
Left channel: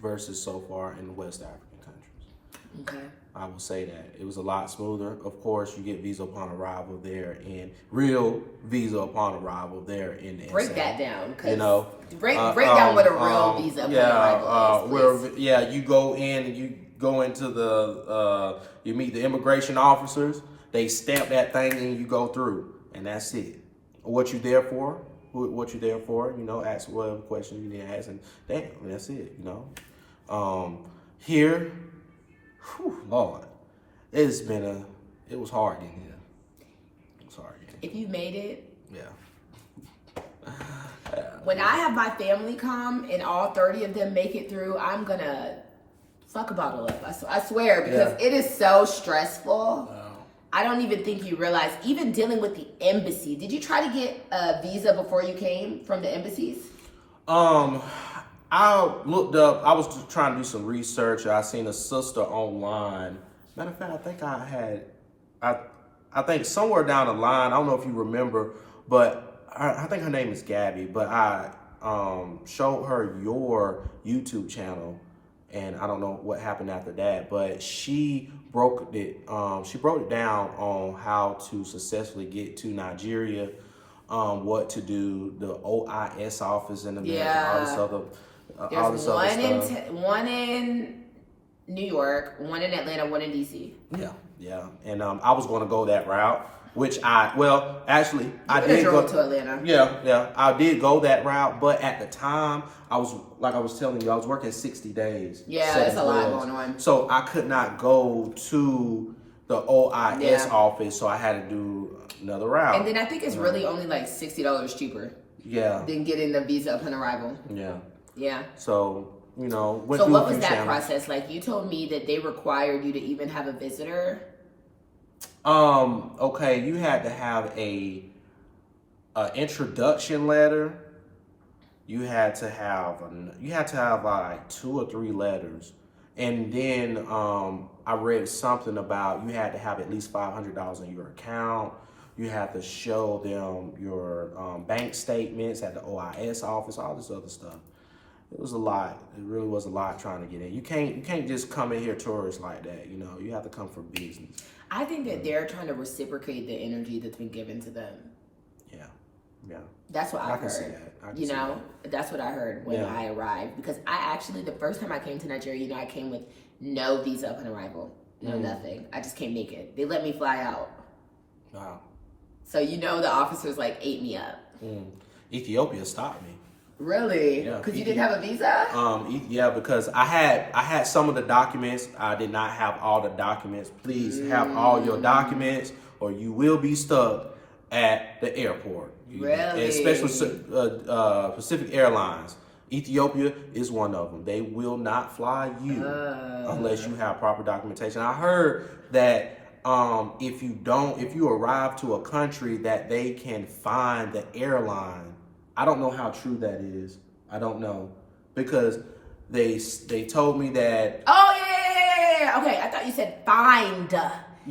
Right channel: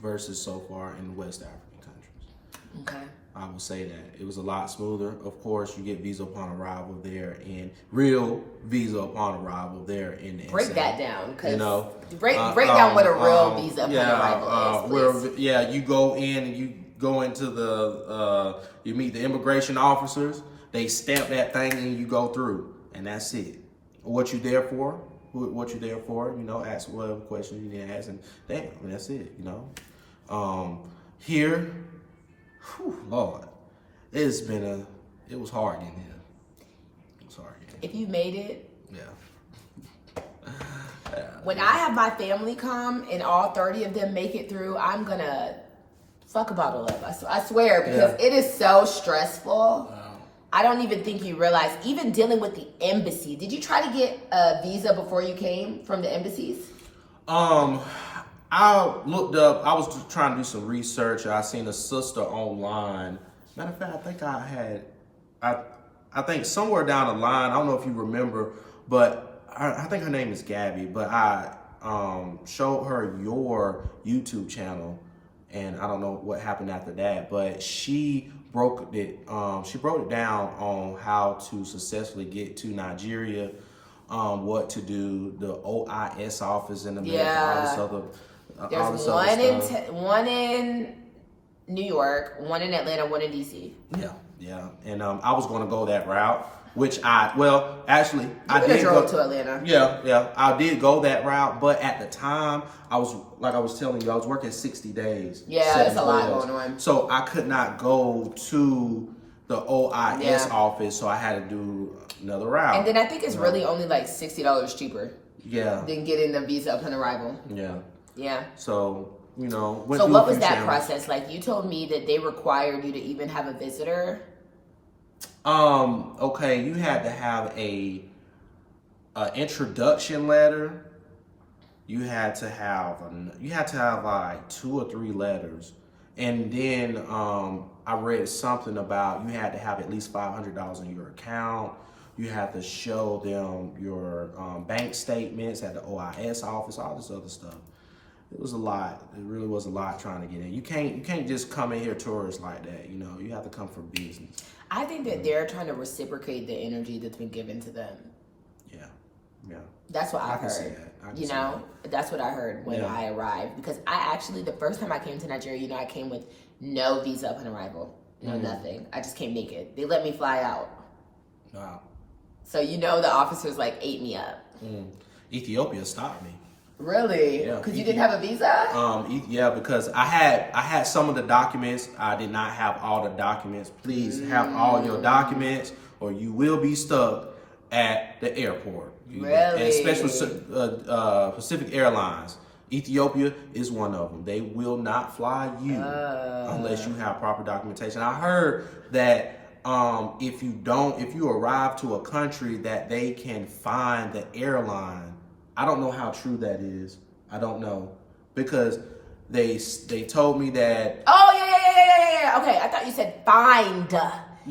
versus so far in West African countries. Okay. I will say that it was a lot smoother. Of course, you get visa upon arrival there, and real visa upon arrival there in the break that down. You know, break down what a real visa upon arrival is. You go in and you go into the you meet the immigration officers. They stamp that thing and you go through, and that's it. What you there for? What you there for? You know, ask whatever questions you need to ask, and damn, that's it. You know, here. Whew, Lord, it was hard in here. It was hard in here. If you made it. Yeah. When I have my family come and all 30 of them make it through, I'm gonna fuck a bottle up. I swear, because it is so stressful. Wow. I don't even think you realize, even dealing with the embassy. Did you try to get a visa before you came from the embassies? I looked up, I was just trying to do some research. I seen a sister online. Matter of fact, I think somewhere down the line, I don't know if you remember, but I think her name is Gabby, but I showed her your YouTube channel, and I don't know what happened after that, but she broke it down on how to successfully get to Nigeria, what to do, the OIS office in America, all this other There's one in New York, one in Atlanta, one in DC. Yeah. And I was going to go that route, which I did go to Atlanta. Yeah, I did go that route, but at the time, I was telling you, I was working 60 days. Yeah, that's a lot going on. So I could not go to the OIS office, so I had to do another route. And then I think it's really only like $60 cheaper. Yeah. Than getting the visa upon arrival. Yeah. So, you know. So what was that process like? You told me that they required you to even have a visitor. Okay, you had to have a introduction letter. You had to have like 2 or 3 letters, and then I read something about you had to have at least $500 in your account. You had to show them your bank statements at the OIS office, all this other stuff. It was a lot. It really was a lot trying to get in. You can't just come in here tourist like that. You know, you have to come for business. I think that they're trying to reciprocate the energy that's been given to them. Yeah. That's what I've heard. You know, that's what I heard when I arrived. Because the first time I came to Nigeria, you know, I came with no visa upon arrival. No, nothing. I just came naked. They let me fly out. Wow. So, you know, the officers like ate me up. Ethiopia stopped me. Really? Yeah. Because you didn't have a visa? Yeah, because I had some of the documents. I did not have all the documents. Please have all your documents, or you will be stuck at the airport. Really? Especially Pacific Airlines. Ethiopia is one of them. They will not fly you unless you have proper documentation. I heard that if you arrive to a country, that they can find the airline. I don't know how true that is. I don't know, because they told me that. Oh yeah. Okay, I thought you said find. Fine. Oh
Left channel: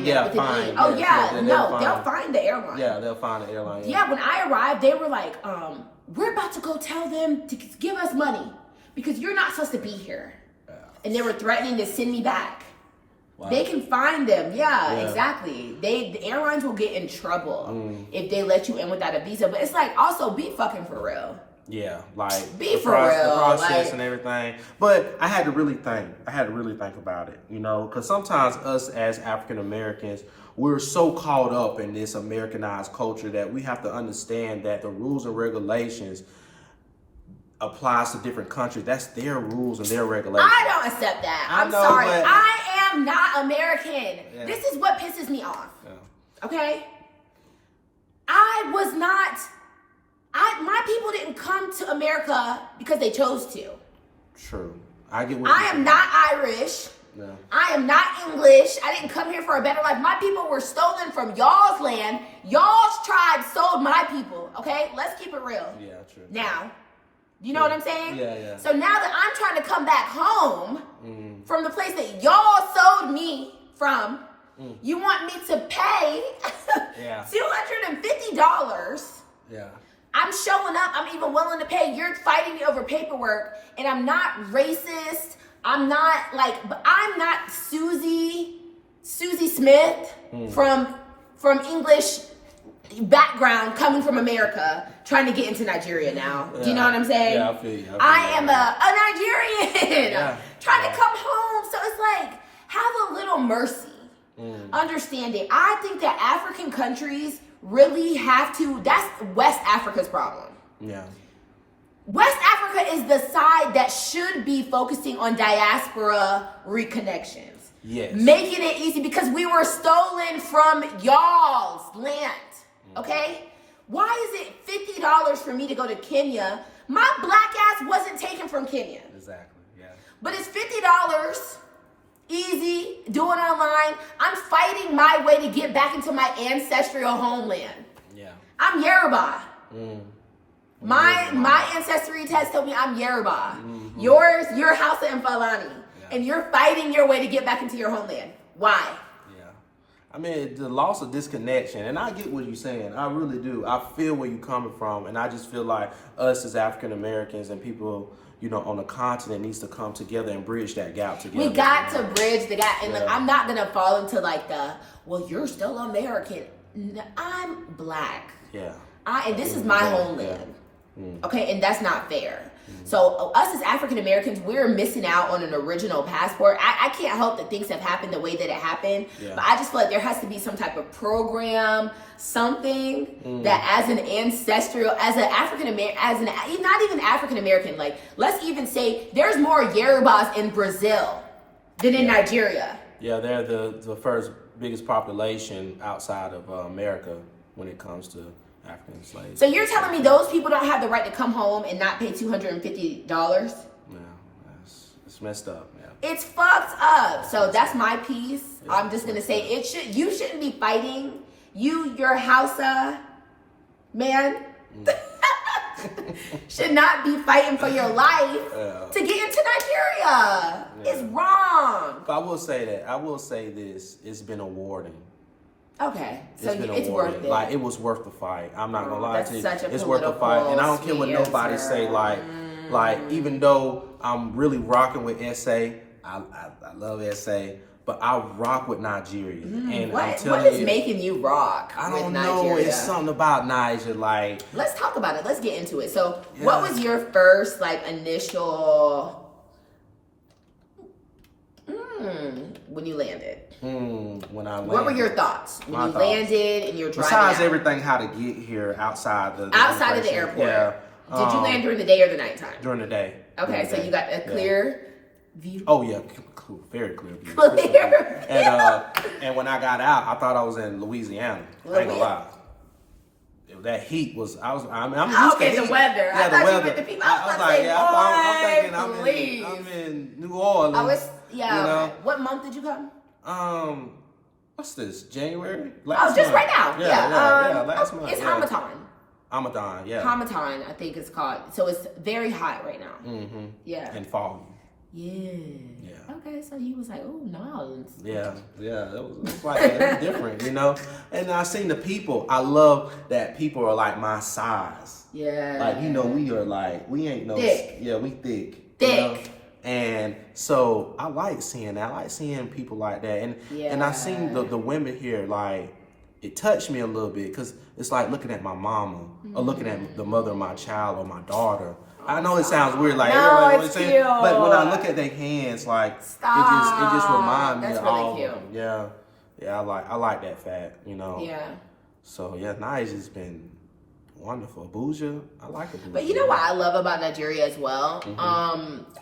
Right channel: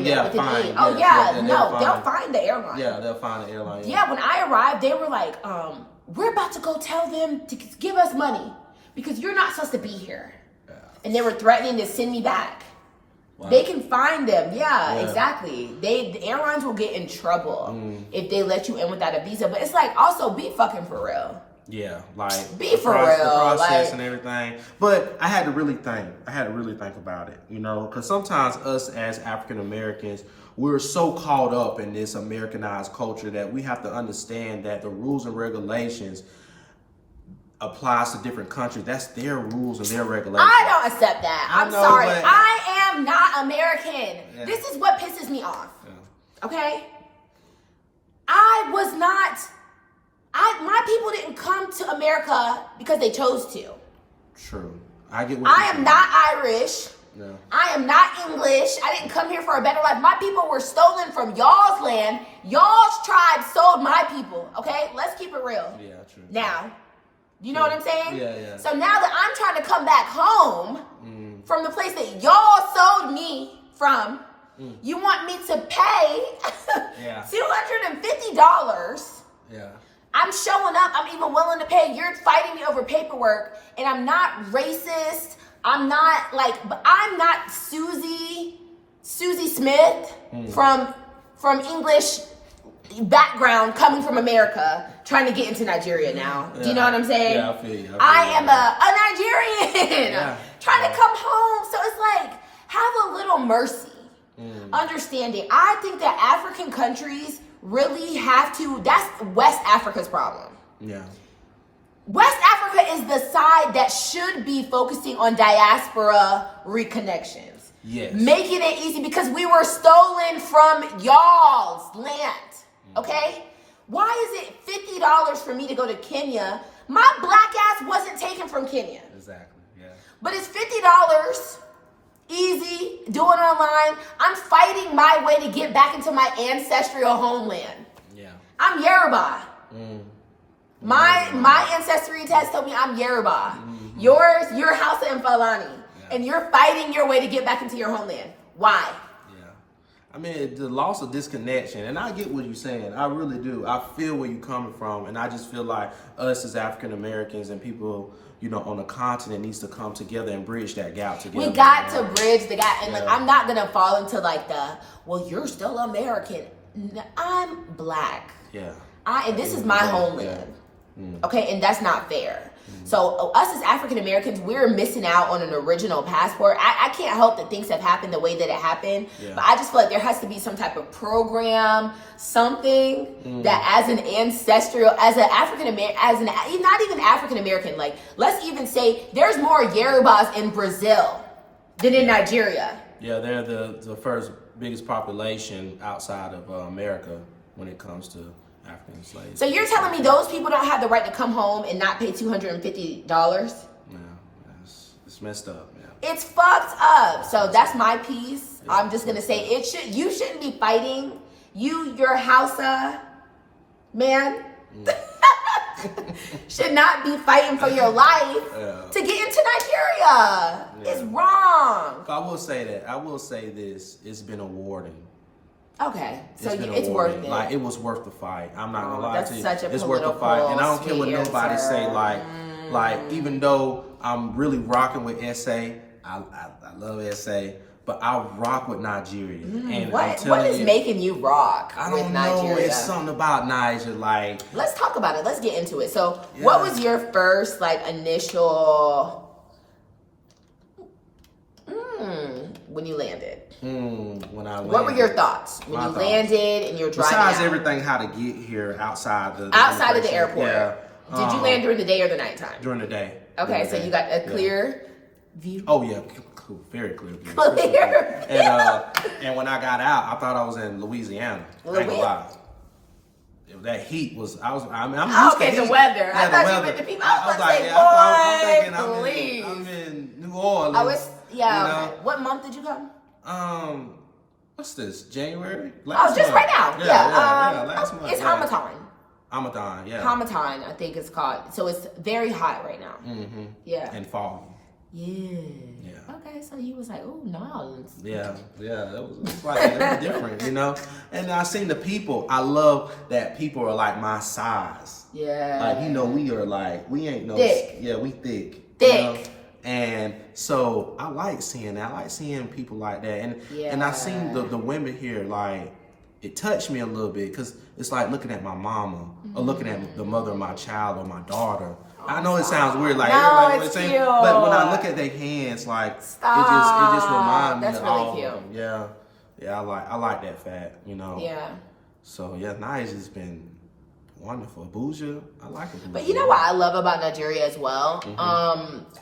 yeah, they'll find the airline. Yeah, they'll find the airline. Yeah, when I arrived, they were like, we're about to go tell them to give us money because you're not supposed to be here. Yeah. And they were threatening to send me back. Wow. They can find them. Yeah, exactly. The airlines will get in trouble if they let you in without a visa. But it's like, also be fucking for real. Yeah, like be for real. The process and everything. But I had to really think. About it, you know, because sometimes us as African Americans, we're so caught up in this Americanized culture that we have to understand that the rules and regulations applies to different countries. That's their rules and their regulations. I don't accept that. I'm sorry. I am not American. Yeah. This is what pisses me off. Yeah. Okay? My people didn't come to America because they chose to. True. I get what I am not Irish. No. I am not English. I didn't come here for a better life. My people were stolen from y'all's land. Y'all's tribe sold my people. Okay? Let's keep it real. Yeah, true. Now, you know what I'm saying? Yeah. So now that I'm trying to come back home from the place that y'all sold me from, you want me to pay $250. Yeah. I'm showing up. I'm even willing to pay. You're fighting me over paperwork, and I'm not racist. I'm not Susie Smith from English background coming from America trying to get into Nigeria now. Do you know what I'm saying? Yeah, I feel you. I am a Nigerian trying to come home. So it's like, have a little mercy. Understanding. I think that African countries really have to, that's West Africa's problem. Yeah. West Africa is the side that should be focusing on diaspora reconnections. Yes. Making it easy because we were stolen from y'all's land. Okay? Why is it $50 for me to go to Kenya? My black ass wasn't taken from Kenya. Exactly, yeah. But it's $50, easy, do it online. I'm fighting my way to get back into my ancestral homeland. Yeah. I'm Yoruba. My ancestry test told me I'm Yoruba. You're Hausa and Fulani. Yeah. And you're fighting your way to get back into your homeland. Why? I mean, the loss of disconnection, and I get what you're saying. I really do. I feel where you're coming from, and I just feel like us as African Americans and people, you know, on the continent needs to come together and bridge that gap together. We got to bridge the gap, and I'm not gonna fall into like well, you're still American. I'm black. Yeah. And this is my homeland. Okay, and that's not fair. So us as African Americans, we're missing out on an original passport. I can't help that things have happened the way that it happened, but I just feel like there has to be some type of program, something that as an ancestral, as an African American, not even African American, like let's even say there's more Yorubas in Brazil than in Nigeria. Yeah, they're the first biggest population outside of America when it comes to African slaves. So you're telling me those people don't have the right to come home and not pay $250? No, it's messed up, man. It's fucked up. So that's my piece. Yeah, I'm just gonna say you shouldn't be fighting. Your Hausa man should not be fighting for your life to get into Nigeria. Yeah. It's wrong. But I will say this. It's been rewarding. Okay, so it's worth it. Like, it was worth the fight. I'm not gonna lie to you. It's worth the fight, and I don't care what nobody say. Like even though I'm really rocking with SA, I love SA, but I rock with Nigeria. And I'm telling you, what is making you rock? I don't know. It's something about Niger. Like, let's talk about it. Let's get into it. So, what was your first initial when you landed? When I landed. What were your thoughts when you landed and you're driving? Besides everything, how to get here outside of the airport. Yeah. Did you land during the day or the nighttime? During the day. Okay, so you got a clear view. Oh yeah, cool, very clear view. Clear. And when I got out, I thought I was in Louisiana. I ain't gonna lie. That heat was. I'm used to heat. The weather. Yeah, the weather. I was like, I'm thinking I'm in New Orleans. You know? What month did you come? What's this? January? Last month. Right now. Yeah, last month. It's Hamadan, yeah. Hamadan, I think it's called. So it's very hot right now. Yeah. And foggy. Yeah. Okay, so he was like, oh, no. Yeah, it was like it was different, you know. And I seen the people. I love that people are like my size. Yeah. Like, you know, we are like, we ain't no thick. Yeah, we thick. Thick. You know? And so I like seeing that. I like seeing people like that. And I seen the women here, like, it touched me a little bit because it's like looking at my mama or looking at the mother of my child or my daughter. I know it sounds weird, like, no, like what it's saying, cute. but when I look at their hands, like, it just reminds me of all of them. Yeah, I like that fact, you know. Yeah. So yeah, Niger's just been wonderful. Abuja, I like Abuja. But you know what I love about Nigeria as well?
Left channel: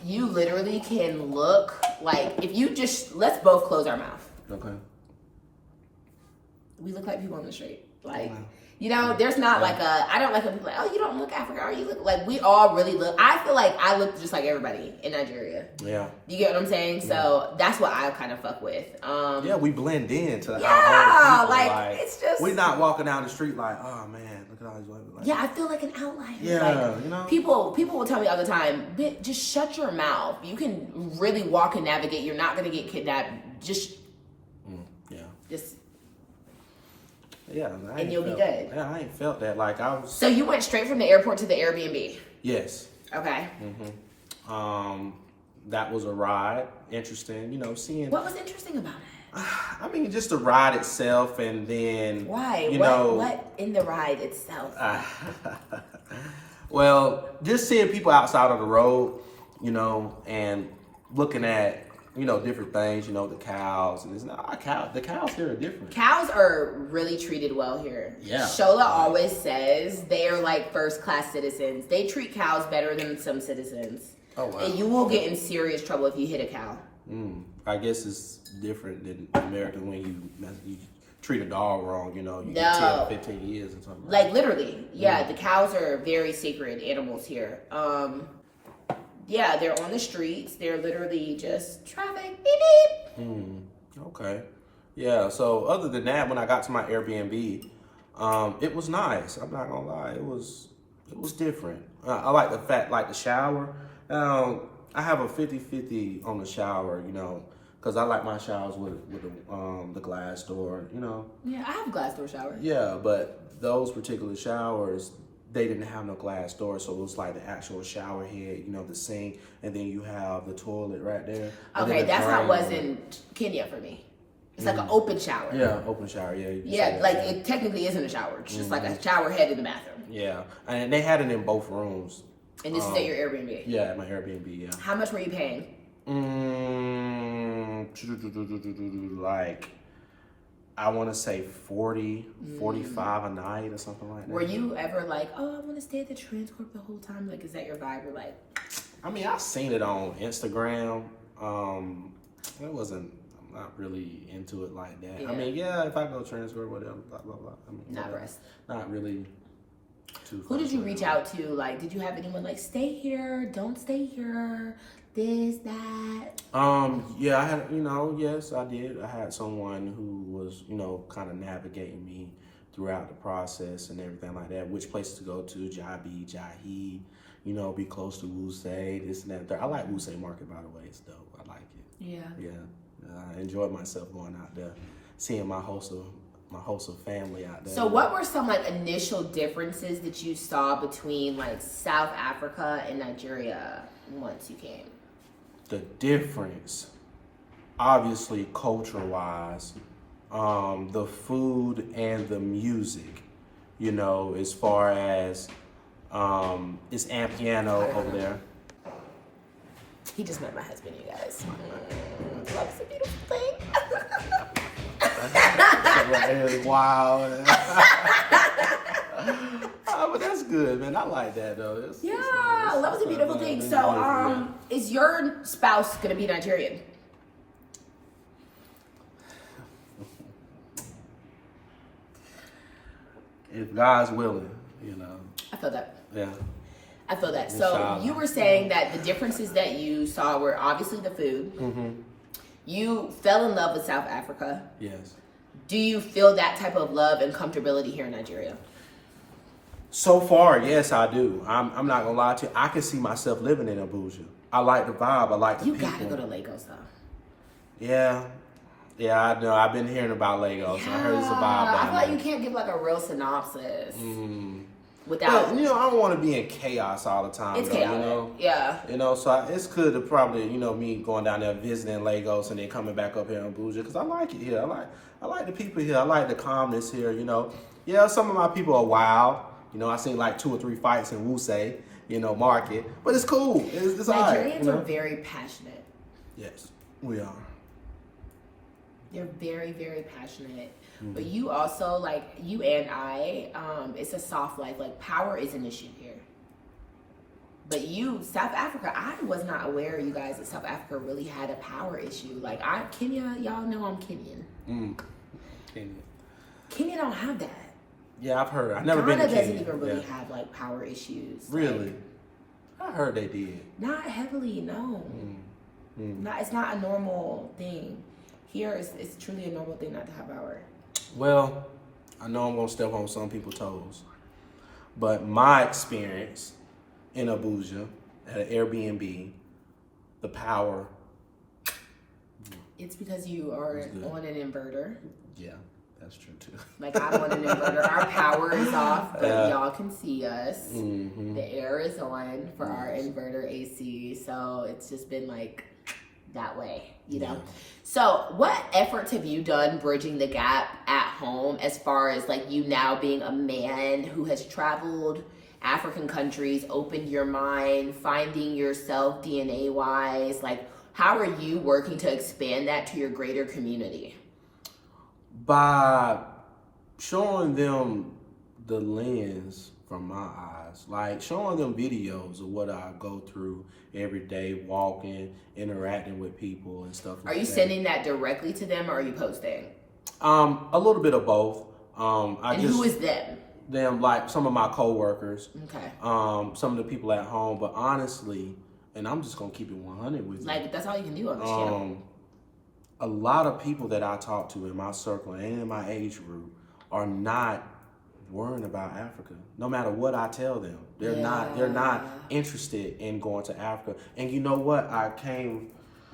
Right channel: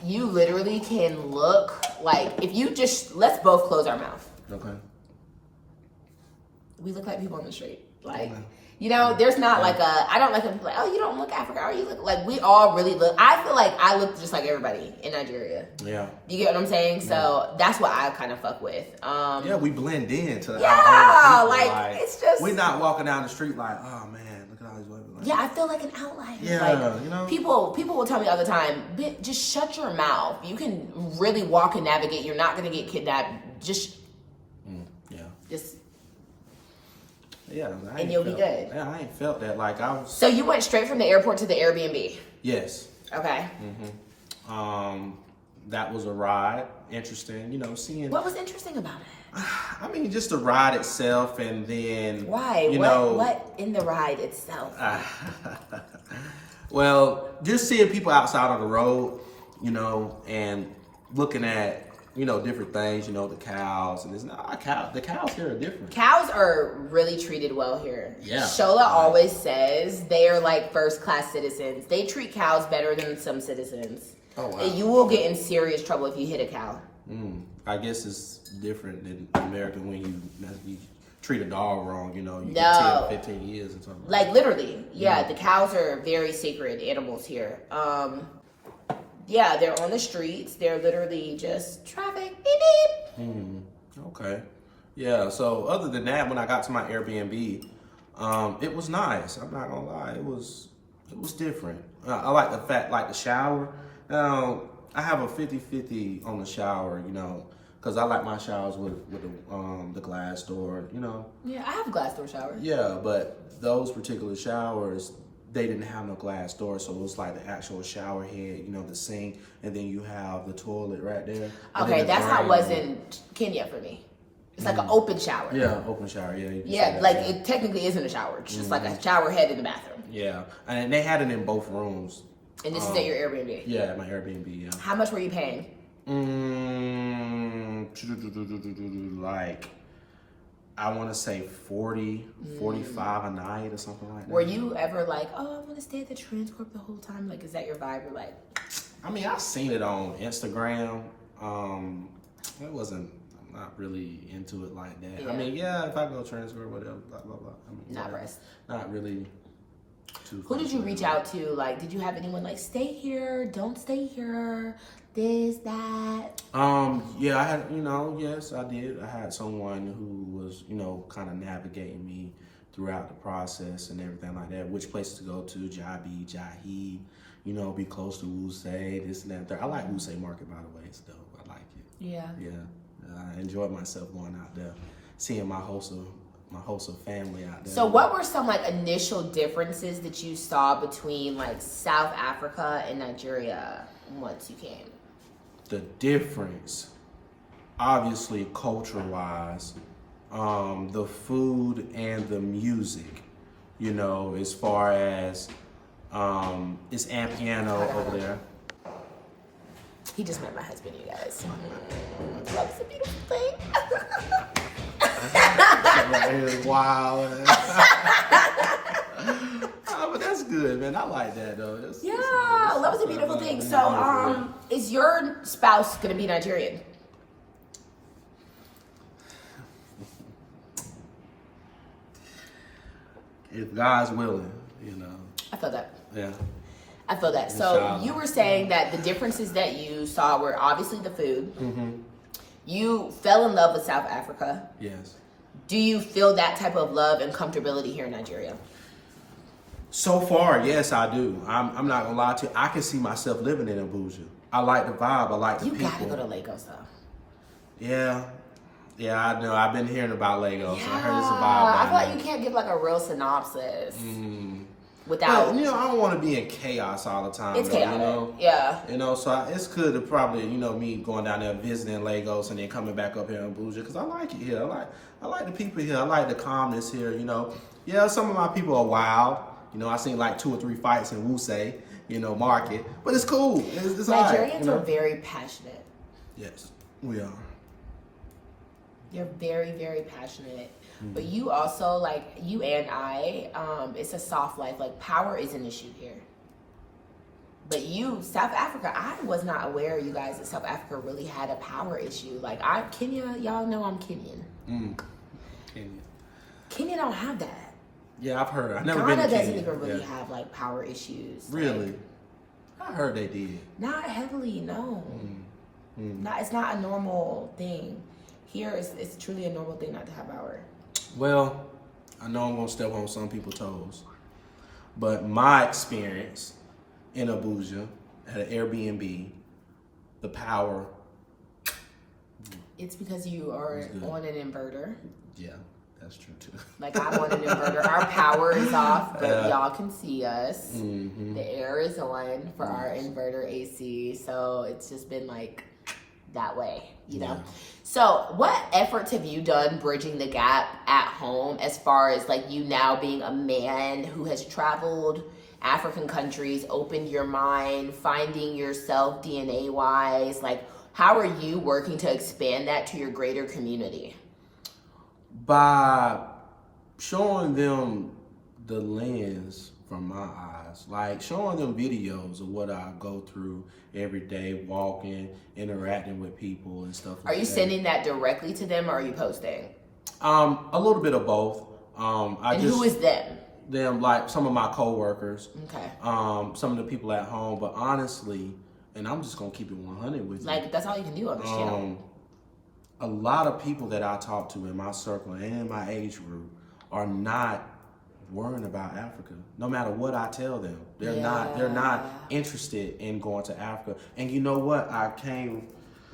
You literally can look like, if you just, let's both close our mouth. Okay. We look like people on the street. Like, you know, there's not like I don't like when people are like, oh, you don't look African, or you look like, we all really look, I feel like I look just like everybody in Nigeria. Yeah. You get what I'm saying? So that's what I kind of fuck with. Yeah, we blend in to our own people. Like, it's just, we're not walking down the street like, oh man, look at all these white people. Yeah, I feel like an outlier. Yeah, like, you know. People will tell me all the time, just shut your mouth. You can really walk and navigate. You're not gonna get kidnapped. Just yeah, and you'll be good. Yeah, I ain't felt that. Like, I was. So you went straight from the airport to the Airbnb? Yes. Okay. That was a ride. Interesting, you know, seeing. What was interesting about it? I mean, just the ride itself, and then why? What in the ride itself? Well, just seeing people outside on the road, you know, and looking at, you know, different things, you know, the cows, and the cows here are different. Cows are really treated well here. Yeah. Shola always says they are like first-class citizens. They treat cows better than some citizens. Oh, wow. And you will get in serious trouble if you hit a cow. I guess it's different than America when you treat a dog wrong, you know, you get 10, 15 years or something. Like literally, the cows are very sacred animals here. Yeah, they're on the streets. They're literally just traffic. Beep, beep. Okay. Yeah, so other than that, when I got to my Airbnb, it was nice. I'm not gonna lie. It was different. I like the fact, like the shower. I have a 50-50 on the shower, you know, because I like my showers with the glass door, you know. Yeah, I have a glass door shower. Yeah, but those particular showers, they didn't have no glass door, so it was like the actual shower head, you know, the sink, and then you have the toilet right there. Okay, that's how it was in Kenya for me. It's like an open shower. Yeah, open shower, yeah. Yeah, like it technically isn't a shower. It's just like a shower head in the bathroom. Yeah, and they had it in both rooms. And this is at your Airbnb? Yeah, at my Airbnb, yeah. How much were you paying? Like, I want to say 40, 45 a night or something like that. Were you ever like, oh, I want to stay at the Transcorp the whole time? Like, is that your vibe? You're like... I mean, I've seen it on Instagram. I'm not really into it like that. Yeah. I mean, yeah, if I go Transcorp, whatever, blah, blah, blah. I mean, not really too... Who did you reach out to? Like, did you have anyone like, stay here, don't stay here, this, that? Yeah, I had, you know, yes, I did. I had someone who was, you know, kind of navigating me throughout the process and everything like that. Which places to go to, Jabi, Jahi, you know, be close to Wusay, this and that. There. I like Wusay Market, by the way. It's dope. I like it. Yeah. Yeah. I enjoyed myself going out there, seeing my wholesome family out there. So what were some like initial differences that you saw between like South Africa and Nigeria once you came? The difference, obviously culture-wise, the food and the music, you know, as far as it's Ampiano over there. He just met my husband, you guys. Love's a beautiful thing. Wow. But that's good, man. I like that though. Love is a beautiful thing. So, is your spouse gonna be Nigerian? If God's willing, you know. I feel that. Yeah. I feel that. So you were saying that the differences that you saw were obviously the food. You fell in love with South Africa. Yes. Do you feel that type of love and comfortability here in Nigeria? So far, yes, I do. I'm not gonna lie to you. I can see myself living in Abuja. I like the vibe. I like the You people. gotta go to Lagos though. Yeah. Yeah, I know. I've been hearing about Lagos. Yeah. I heard it's a vibe I down feel like there. you can't give like a real synopsis But, without. you know, I don't want to be in chaos all the time. It's though, chaotic. You know? Yeah. You know, so it's good to probably, you know, me going down there visiting Lagos and then coming back up here in Abuja because I like it here. I like the people here. I like the calmness here. You know, yeah, some of my people are wild. You know, I seen like 2 or 3 fights in Wusay, you know, market, but it's cool. It's all right. Nigerians You know? are very passionate. Yes, we are. They're very, very passionate. But you also, like, you and I, it's a soft life. Like, power is an issue here. But you, South Africa, I was not aware, you guys, that South Africa really had a power issue. Like, Kenya, y'all know I'm Kenyan. Kenya. Kenya don't have that. Yeah, I've heard. I've never Ghana been to Kenya. doesn't even really have, like, power issues. Really? Like, I heard they did. not heavily, no. It's not a normal thing. Here, it's truly a normal thing not to have power. Well, I know I'm going to step on some people's toes, but my experience in Abuja at an Airbnb, the power. It's because you are on an inverter. Yeah, that's true too. Like, I'm on an inverter. Our power is off, but y'all can see us. The air is on for our inverter AC, so it's just been like that way, you know? Yeah. So what efforts have you done bridging the gap at home as far as like you now being a man who has traveled African countries, opened your mind, finding yourself DNA wise? Like, how are you working to expand that to your greater community? By showing them the lens from my eyes, like showing them videos of what I go through every day, walking, interacting with people and stuff like that. Are you sending that directly to them or are you posting? A little bit of both. Who is them? Them, like some of my coworkers. Okay. Some of the people at home, but honestly, and I'm just gonna keep it 100 with you. Like, that's all you can do on this channel. A lot of people that I talk to in my circle and in my age group are not worrying about Africa. No matter what I tell them, they're not interested in going to Africa. And you know what? I came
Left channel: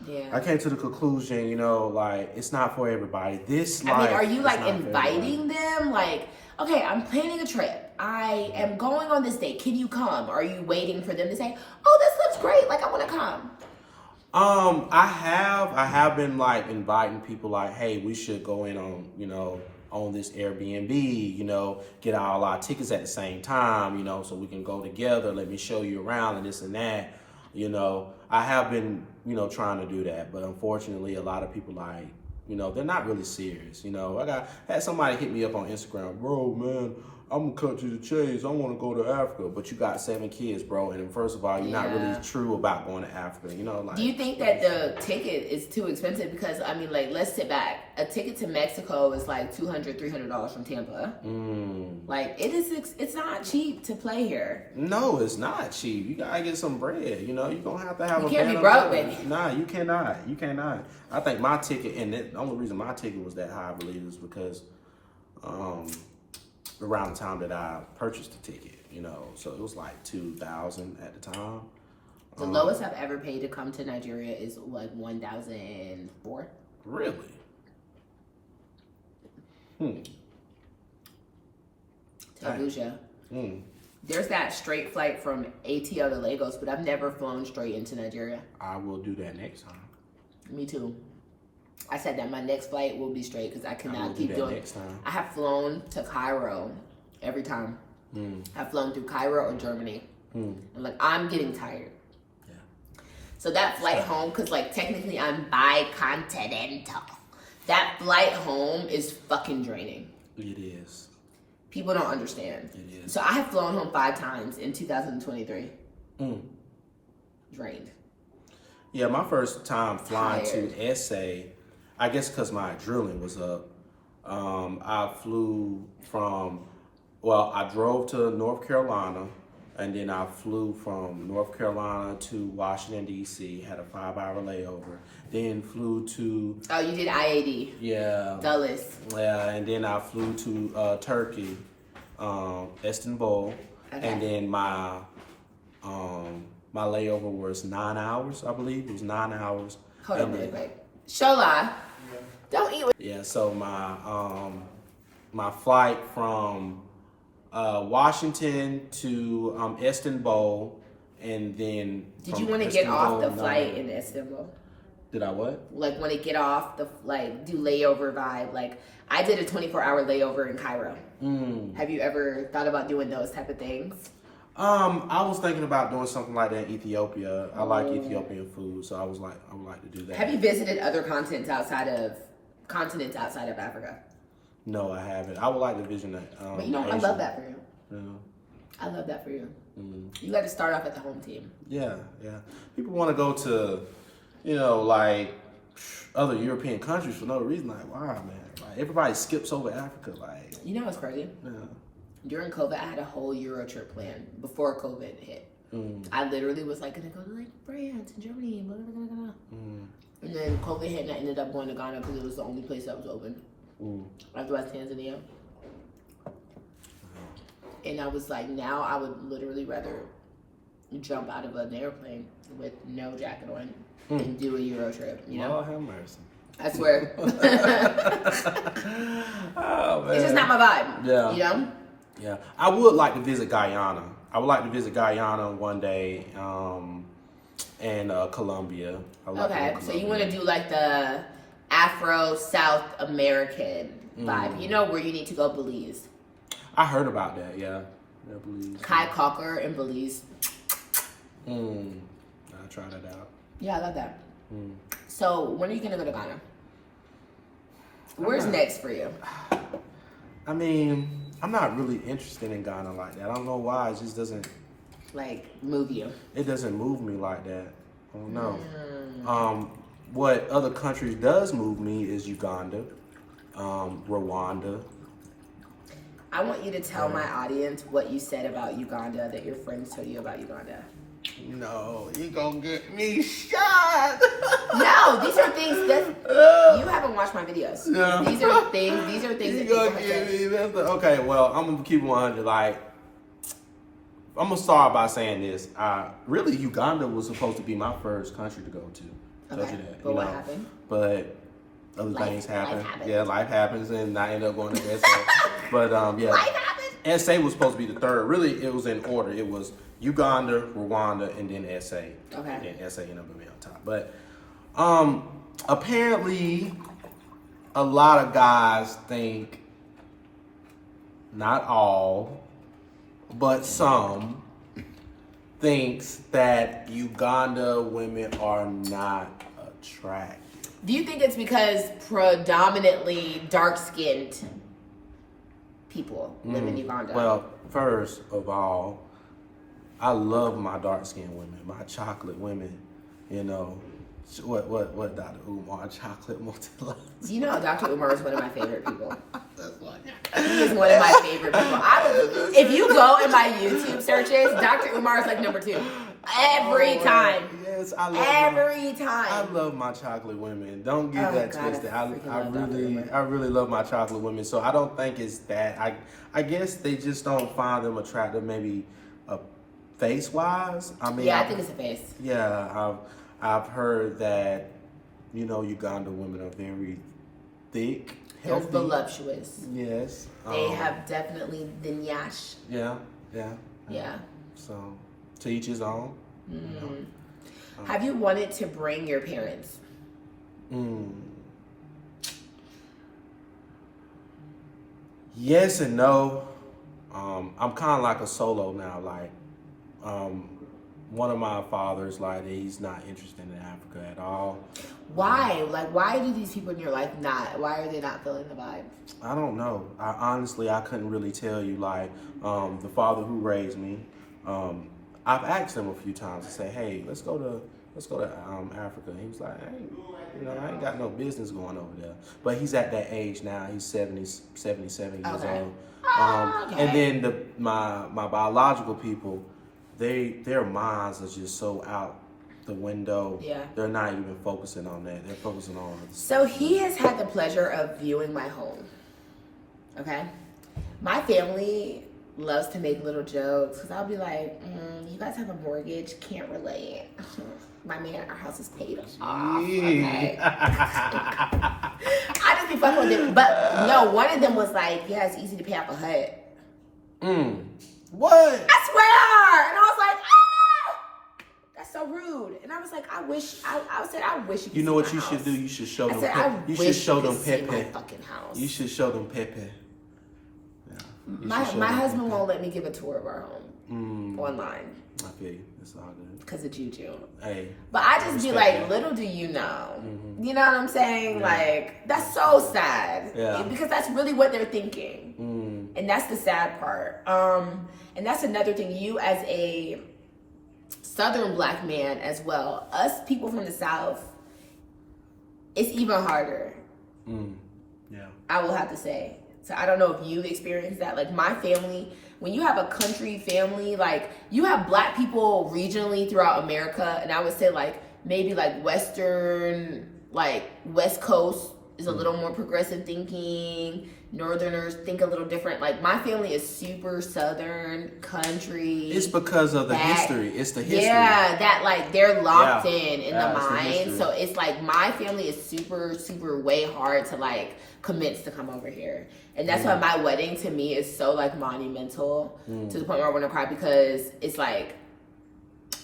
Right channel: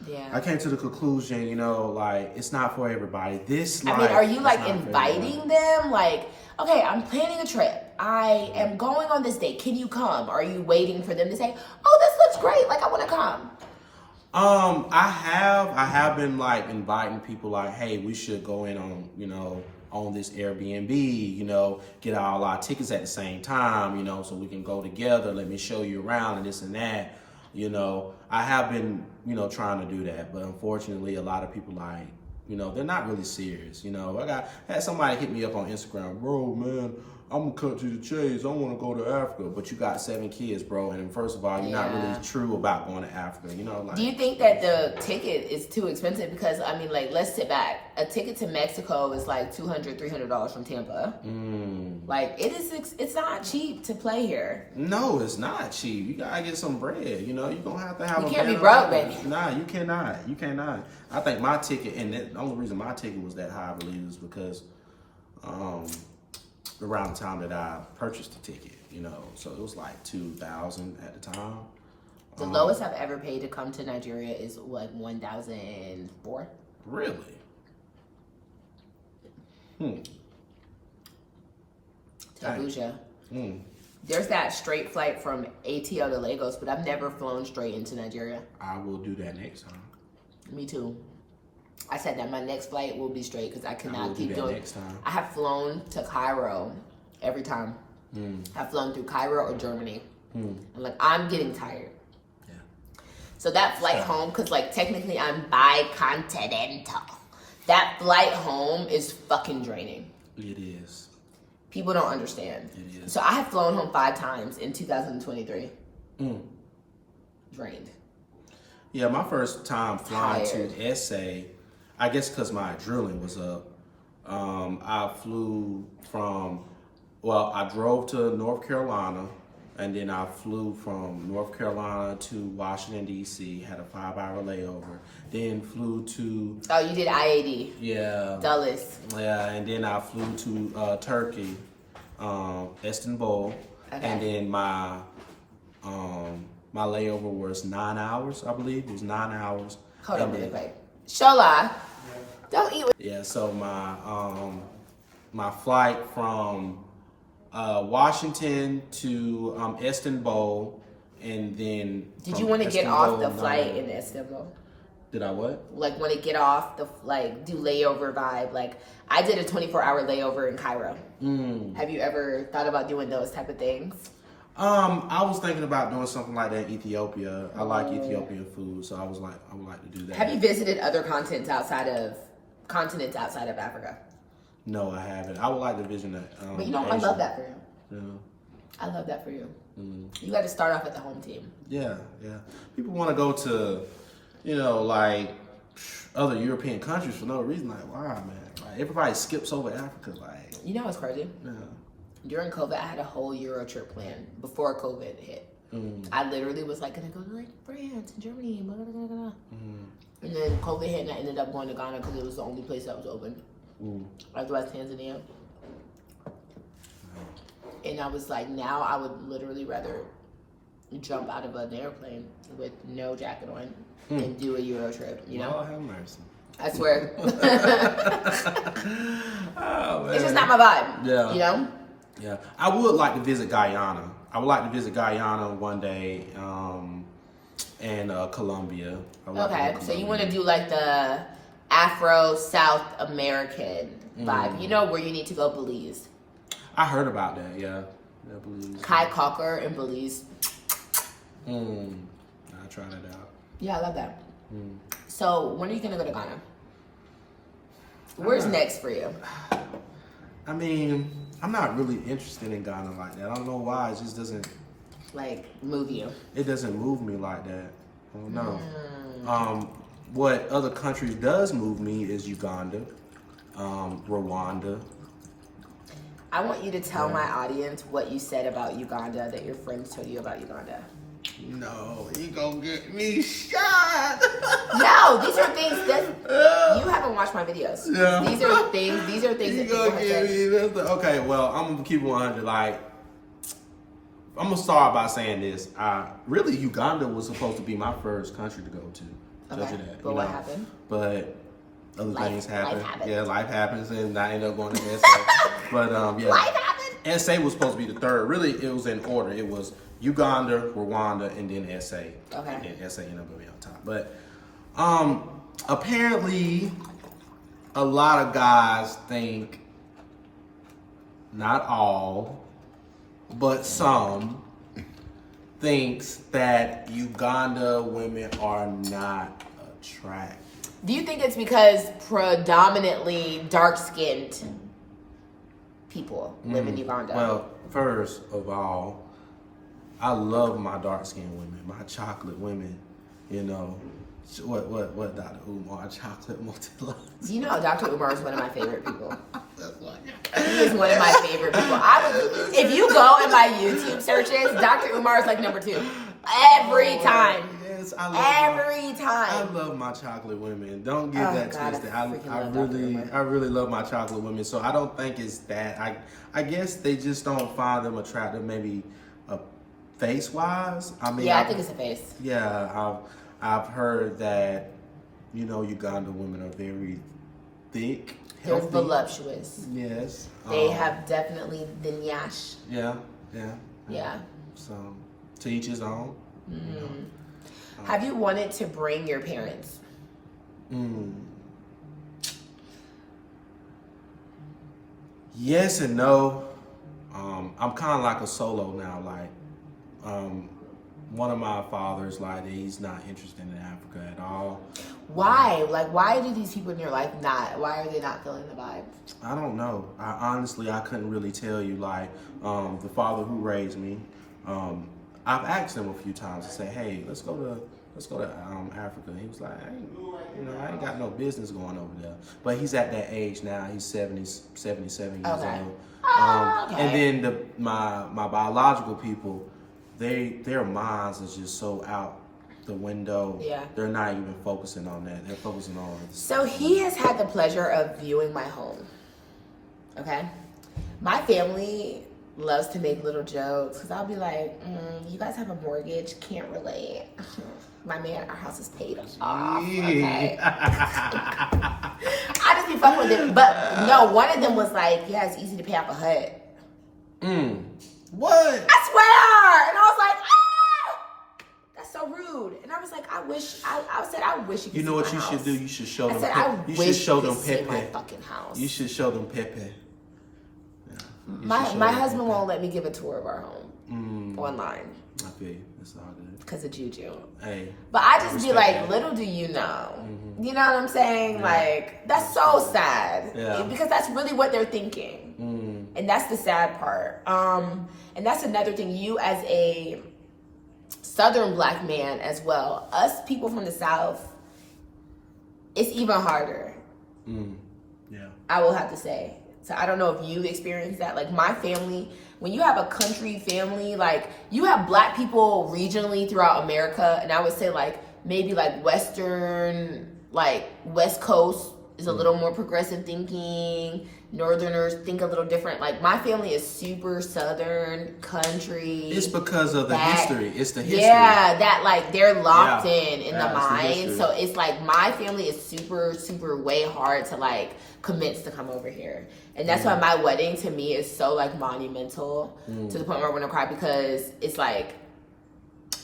to the conclusion, you know, like it's not for everybody. Are you like inviting them? Like, okay, I'm planning a trip. I am going on this date. Can you come? Are you waiting for them to say, "Oh, this looks great. Like, I want to come"? I have been like inviting people like, hey, we should go in on, you know, on this Airbnb, you know, get all our tickets at the same time, you know, so we can go together. Let me show you around and this and that. You know, I have been, you know, trying to do that, but unfortunately, a lot of people like, you know, they're not really serious. You know, had somebody hit me up on Instagram, bro, man, I'm gonna cut to the chase. I want to go to Africa, but you got 7 kids, bro. And first of all, you're not really true about going to Africa. You know, like. Do you think that the ticket is too expensive? Because I mean, like, let's sit back. A ticket to Mexico is like $200, $300 from Tampa. Like, it's not cheap to play here. No, it's not cheap. You gotta get some bread. You know, you're gonna have to have. You can't be broke, baby. Nah, you cannot. You cannot. I think my ticket, and the only reason my ticket was that high, I believe, is because, around the time that I purchased the ticket, you know, so it was like $2,000 at the time. The lowest I've ever paid to come to Nigeria is like $1,004. Really? To Abuja. There's that straight flight from ATL to Lagos, but I've never flown straight into Nigeria. I will do that next time. Me too. I said that my next flight will be straight because I cannot keep doing. Next time. I have flown to Cairo every time. I've flown through Cairo or Germany. I'm like, I'm getting tired. Yeah. So that flight home, because like technically I'm bicontinental. That flight home is fucking draining. It is. People don't understand. It is. So I have flown home 5 times in 2023. Drained. Yeah, my first time flying to SA, I guess because my adrenaline was up, I flew I drove to North Carolina, and then I flew from North Carolina to Washington, D.C., had a 5-hour layover, then flew to... Oh, you did IAD. Yeah. Dulles. Yeah, and then I flew to Turkey, Istanbul, and then my my layover was 9 hours, I believe. It was 9 hours. Hold on really quick. Shola, don't eat with. Yeah, so my flight from Washington to Istanbul, and then Did you want to get off the flight in Istanbul? Did I what? Like, want to get off the, like, do layover vibe? Like, I did a 24-hour layover in Cairo. Have you ever thought about doing those type of things? I was thinking about doing something like that in Ethiopia. I like Ethiopian food, so I would like to do that. Have you visited other continents outside of Africa? No, I haven't. I would like to visit that. But you know, Asia. I love that for you. Yeah. I love that for you. You got to start off at the home team. Yeah. People want to go to, like other European countries for no reason. Like, wow, man. Like, everybody skips over Africa. Like, you know what's crazy? Yeah. During COVID, I had a whole Euro trip planned before COVID hit. I literally was like, gonna go to like France and Germany, blah, blah, blah, blah. And then COVID hit, and I ended up going to Ghana because it was the only place that was open. Otherwise, Tanzania. And I was like, now I would literally rather jump out of an airplane with no jacket on and do a Euro trip. You know? Lord have mercy. I swear. Oh, man. It's just not my vibe. Yeah. You know? Yeah. I would like to visit Guyana. I would like to visit Guyana one day, and Colombia. Okay, so you want to do like the Afro South American vibe. You know where you need to go? Belize. I heard about that, yeah. Yeah, Belize. Kai Cocker in Belize. I'll try that out. Yeah, I love that. So when are you going to go to Ghana? Where's next for you? I mean, I'm not really interested in Ghana like that. I don't know why. It just doesn't... Like, move you? It doesn't move me like that. I don't know. What other countries does move me is Uganda, Rwanda. I want you to tell my audience what you said about Uganda, that your friends told you about Uganda. No, you gonna get me shot. No, these are things that you haven't watched my videos. Yeah. These are things that people have said. Okay, well, I'm gonna keep it 100. Like, I'm gonna start by saying this. Really, Uganda was supposed to be my first country to go to. Okay, but what happened? But other things happen. Yeah, life happens, and I ended up going to SA. But yeah, life happened. SA was supposed to be the third. Really, it was in order. It was Uganda, Rwanda, and then SA. Okay. And then SA ended up being on top. But apparently, a lot of guys think, not all, but some, thinks that Uganda women are not attractive. Do you think it's because predominantly dark-skinned people live in Uganda? Well, first of all, I love my dark-skinned women, my chocolate women, you know. What Dr. Umar, chocolate multi. You know, Dr. Umar is one of my favorite people. He is one of my favorite people. If you go in my YouTube searches, Dr. Umar is like number 2. Every time. Yes, every time. I love my chocolate women. Don't get that twisted. I really love my chocolate women. So I don't think it's that. I guess they just don't find them attractive, maybe face-wise. I mean, I think it's a face. Yeah, I've heard that, you know, Uganda women are very thick, healthy. They're voluptuous. Yes. They have definitely the nyash. Yeah. So, to each his own. You know. Have you wanted to bring your parents? Yes and no. I'm kind of like a solo now. Like, one of my fathers, like, he's not interested in Africa at all. Why? Like, why do these people in your life not? Why are they not feeling the vibe? I don't know. I couldn't really tell you. Like, the father who raised me, I've asked him a few times to say, hey, let's go to Africa. He was like, I ain't got no business going over there. But he's at that age now. He's 77 years old. And then my biological people, their minds are just so out the window. Yeah. They're not even focusing on that. They're focusing on So he has had the pleasure of viewing my home. Okay? My family loves to make little jokes because I'll be like, you guys have a mortgage, can't relate. My man, our house is paid off. Okay. I just be fucking with it. But no, one of them was like, yeah, it's easy to pay off a HUD. What? I swear. And I was like, that's so rude. And I was like, I wish you could You know see what my you house. should do? You should show them. You wish should show you them could see Pepe. my fucking house. You should show them Pepe. Yeah. My husband won't let me give a tour of our home online. I feel you. It's all good. Because of Juju. Hey. But I just be like, that. little do you know. You know what I'm saying? Yeah. Like, that's so sad. Yeah. Because that's really what they're thinking. And that's the sad part. And that's another thing. You as a Southern Black man as well. Us people from the South, it's even harder. Yeah. I will have to say. So I don't know if you've experienced that. Like my family, when you have a country family, like you have Black people regionally throughout America, and I would say like maybe like Western, like West Coast is a little more progressive thinking. Northerners think a little different. Like my family is super Southern country. It's because of the history. It's the history. Yeah, that like they're locked in the it's mind. So it's like my family is super, super way hard to like convince to come over here. And that's why my wedding to me is so like monumental to the point where I want to cry because it's like,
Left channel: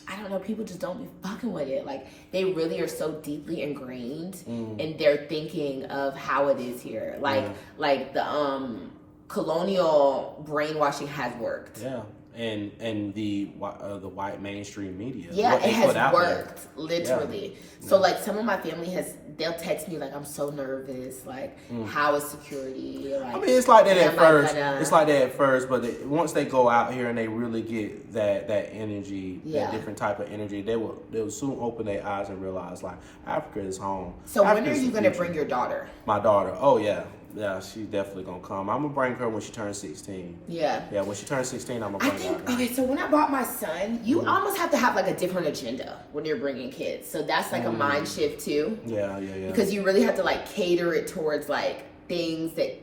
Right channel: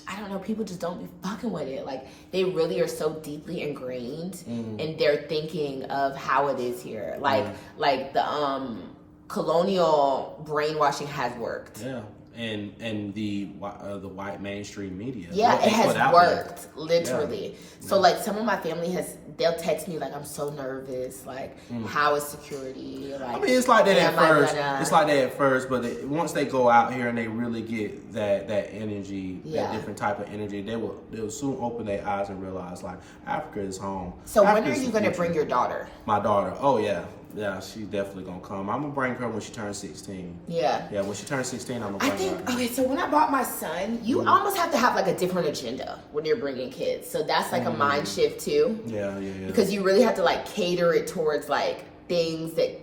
I don't know, people just don't be fucking with it. Like they really are so deeply ingrained in their thinking of how it is here. Like the colonial brainwashing has worked. Yeah. And the white mainstream media. Yeah, it has worked, literally. Yeah. So like some of my family they'll text me like, I'm so nervous, like how is security? Like, I mean, it's like that at first. Gonna... It's like that at first, but once they go out here and they really get that energy, that different type of energy, they will soon open their eyes and realize like Africa is home. So when are you gonna bring your daughter? My daughter. Oh yeah. Yeah, she's definitely gonna come. I'm gonna bring her when she turns 16. Yeah. Yeah, when she turns 16, I'm gonna bring her. Okay, so when I brought my son, you almost have to have like a different agenda when you're bringing kids. So that's like a mind shift too. Yeah. Because you really have to like cater it towards like things that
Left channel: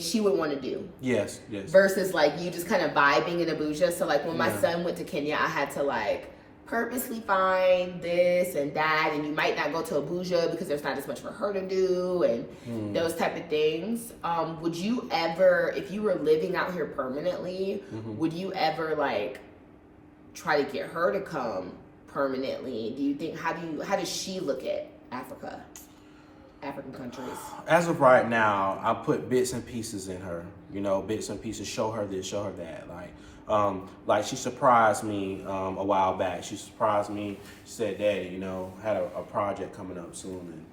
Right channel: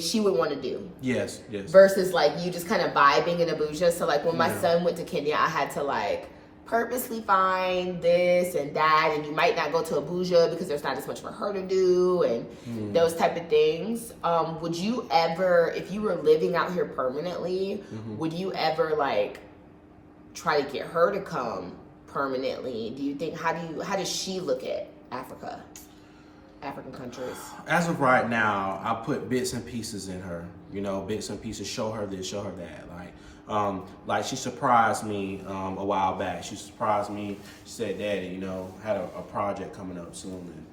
she would want to do. Yes. Versus like you just kind of vibing in Abuja. So like when my son went to Kenya, I had to like purposely find this and that, and you might not go to Abuja because there's not as much for her to do and those type of things. Would you ever, if you were living out here permanently, would you ever like try to get her to come permanently? Do you think, how does she look at African countries? As of right now, I put bits and pieces in her, bits and pieces, show her this, show her that, like she surprised me a while back. She surprised me. She said, "Daddy, had a project coming up soon," and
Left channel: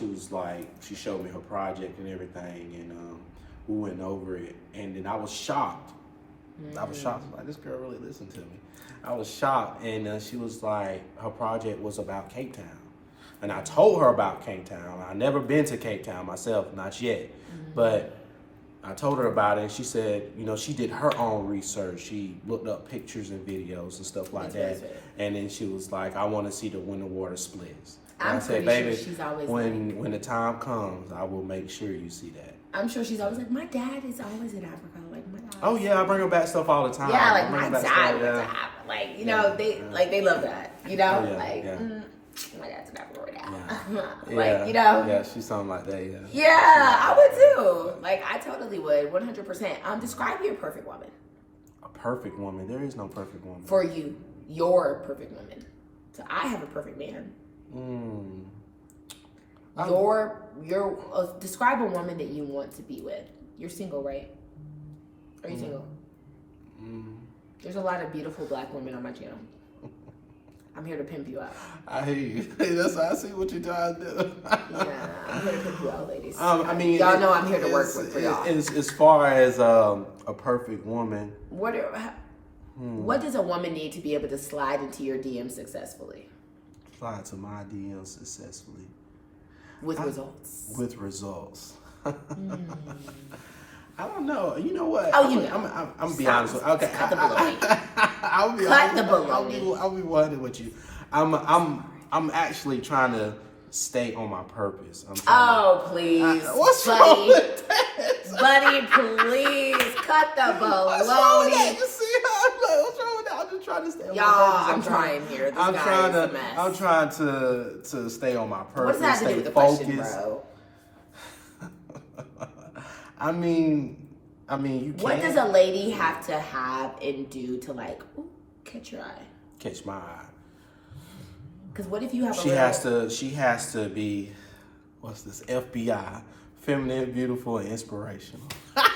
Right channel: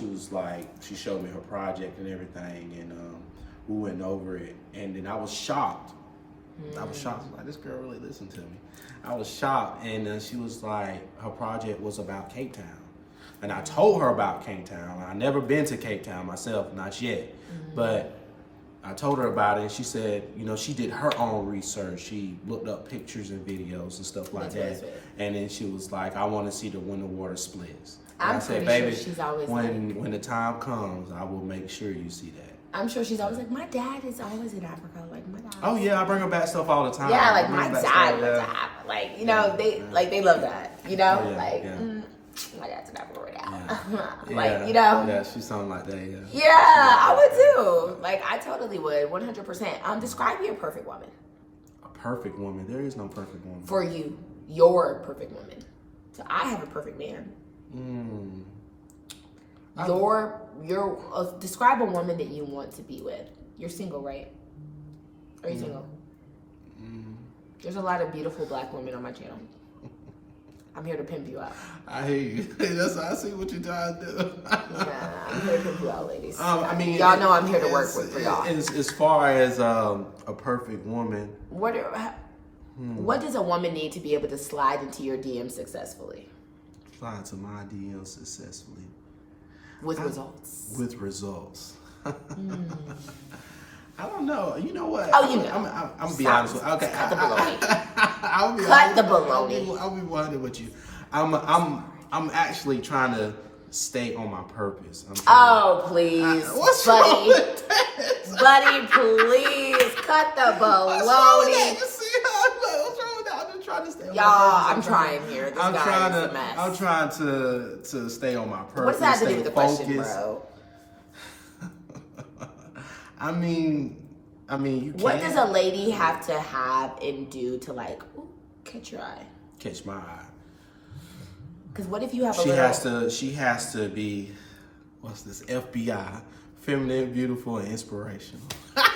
she was like, she showed me her project and everything, and we went over it, and then I was shocked. I was shocked. Like, this girl really listened to me. I was shocked, and she was like, her project was about Cape Town, and I told her about Cape Town. I never been to Cape Town myself, not yet, but I told her about it, and she said, she did her own research. She looked up pictures and videos and stuff like that. And then she was like, I want to see when the water splits. And I said, baby, when the time comes, I will make sure you see that. I'm sure she's always like, my dad is always in Africa. Like, my dad. Oh, yeah, I bring her back stuff all the time. Yeah, like, my dad was in Africa. Like, they love that, Oh, yeah, my dad's in Africa right now. Yeah. Yeah, she's something like that, Yeah, I would too. Like, I totally would, 100%. Describe your perfect woman. A perfect woman? There is no perfect woman. For you, your perfect woman. So I have a perfect man. Describe a woman that you want to be with. You're single, right? Are you single? There's a lot of beautiful Black women on my channel. I'm here to pimp you out. I hear you. I see what you're trying to do. Yeah, I'm here to pimp you out, ladies. I mean, y'all know I'm here to work for y'all. As far as a perfect woman, what does a woman need to be able to slide into your DM successfully? Slide to my DM successfully. With results. With results. I don't know. You know what? Oh, I'm gonna be honest with you. Okay. Cut the baloney. I'll be Cut the baloney. I'll be honest with you. I'm actually trying to stay on my purpose. Oh, please. What's buddy. wrong with that? Buddy, please cut the baloney. What's wrong with that? I'm just trying to stay on my Y'all, purpose. I'm trying here. This I'm guy trying is a to. mess. I'm trying to stay on my purpose. What does that have to do stay with the focused. question, bro? I mean, you can't. What does a lady have to have and do to like catch your eye? Catch my eye. Because what if you have a She little... has to be, what's this? FBI, feminine, beautiful, and inspirational. I've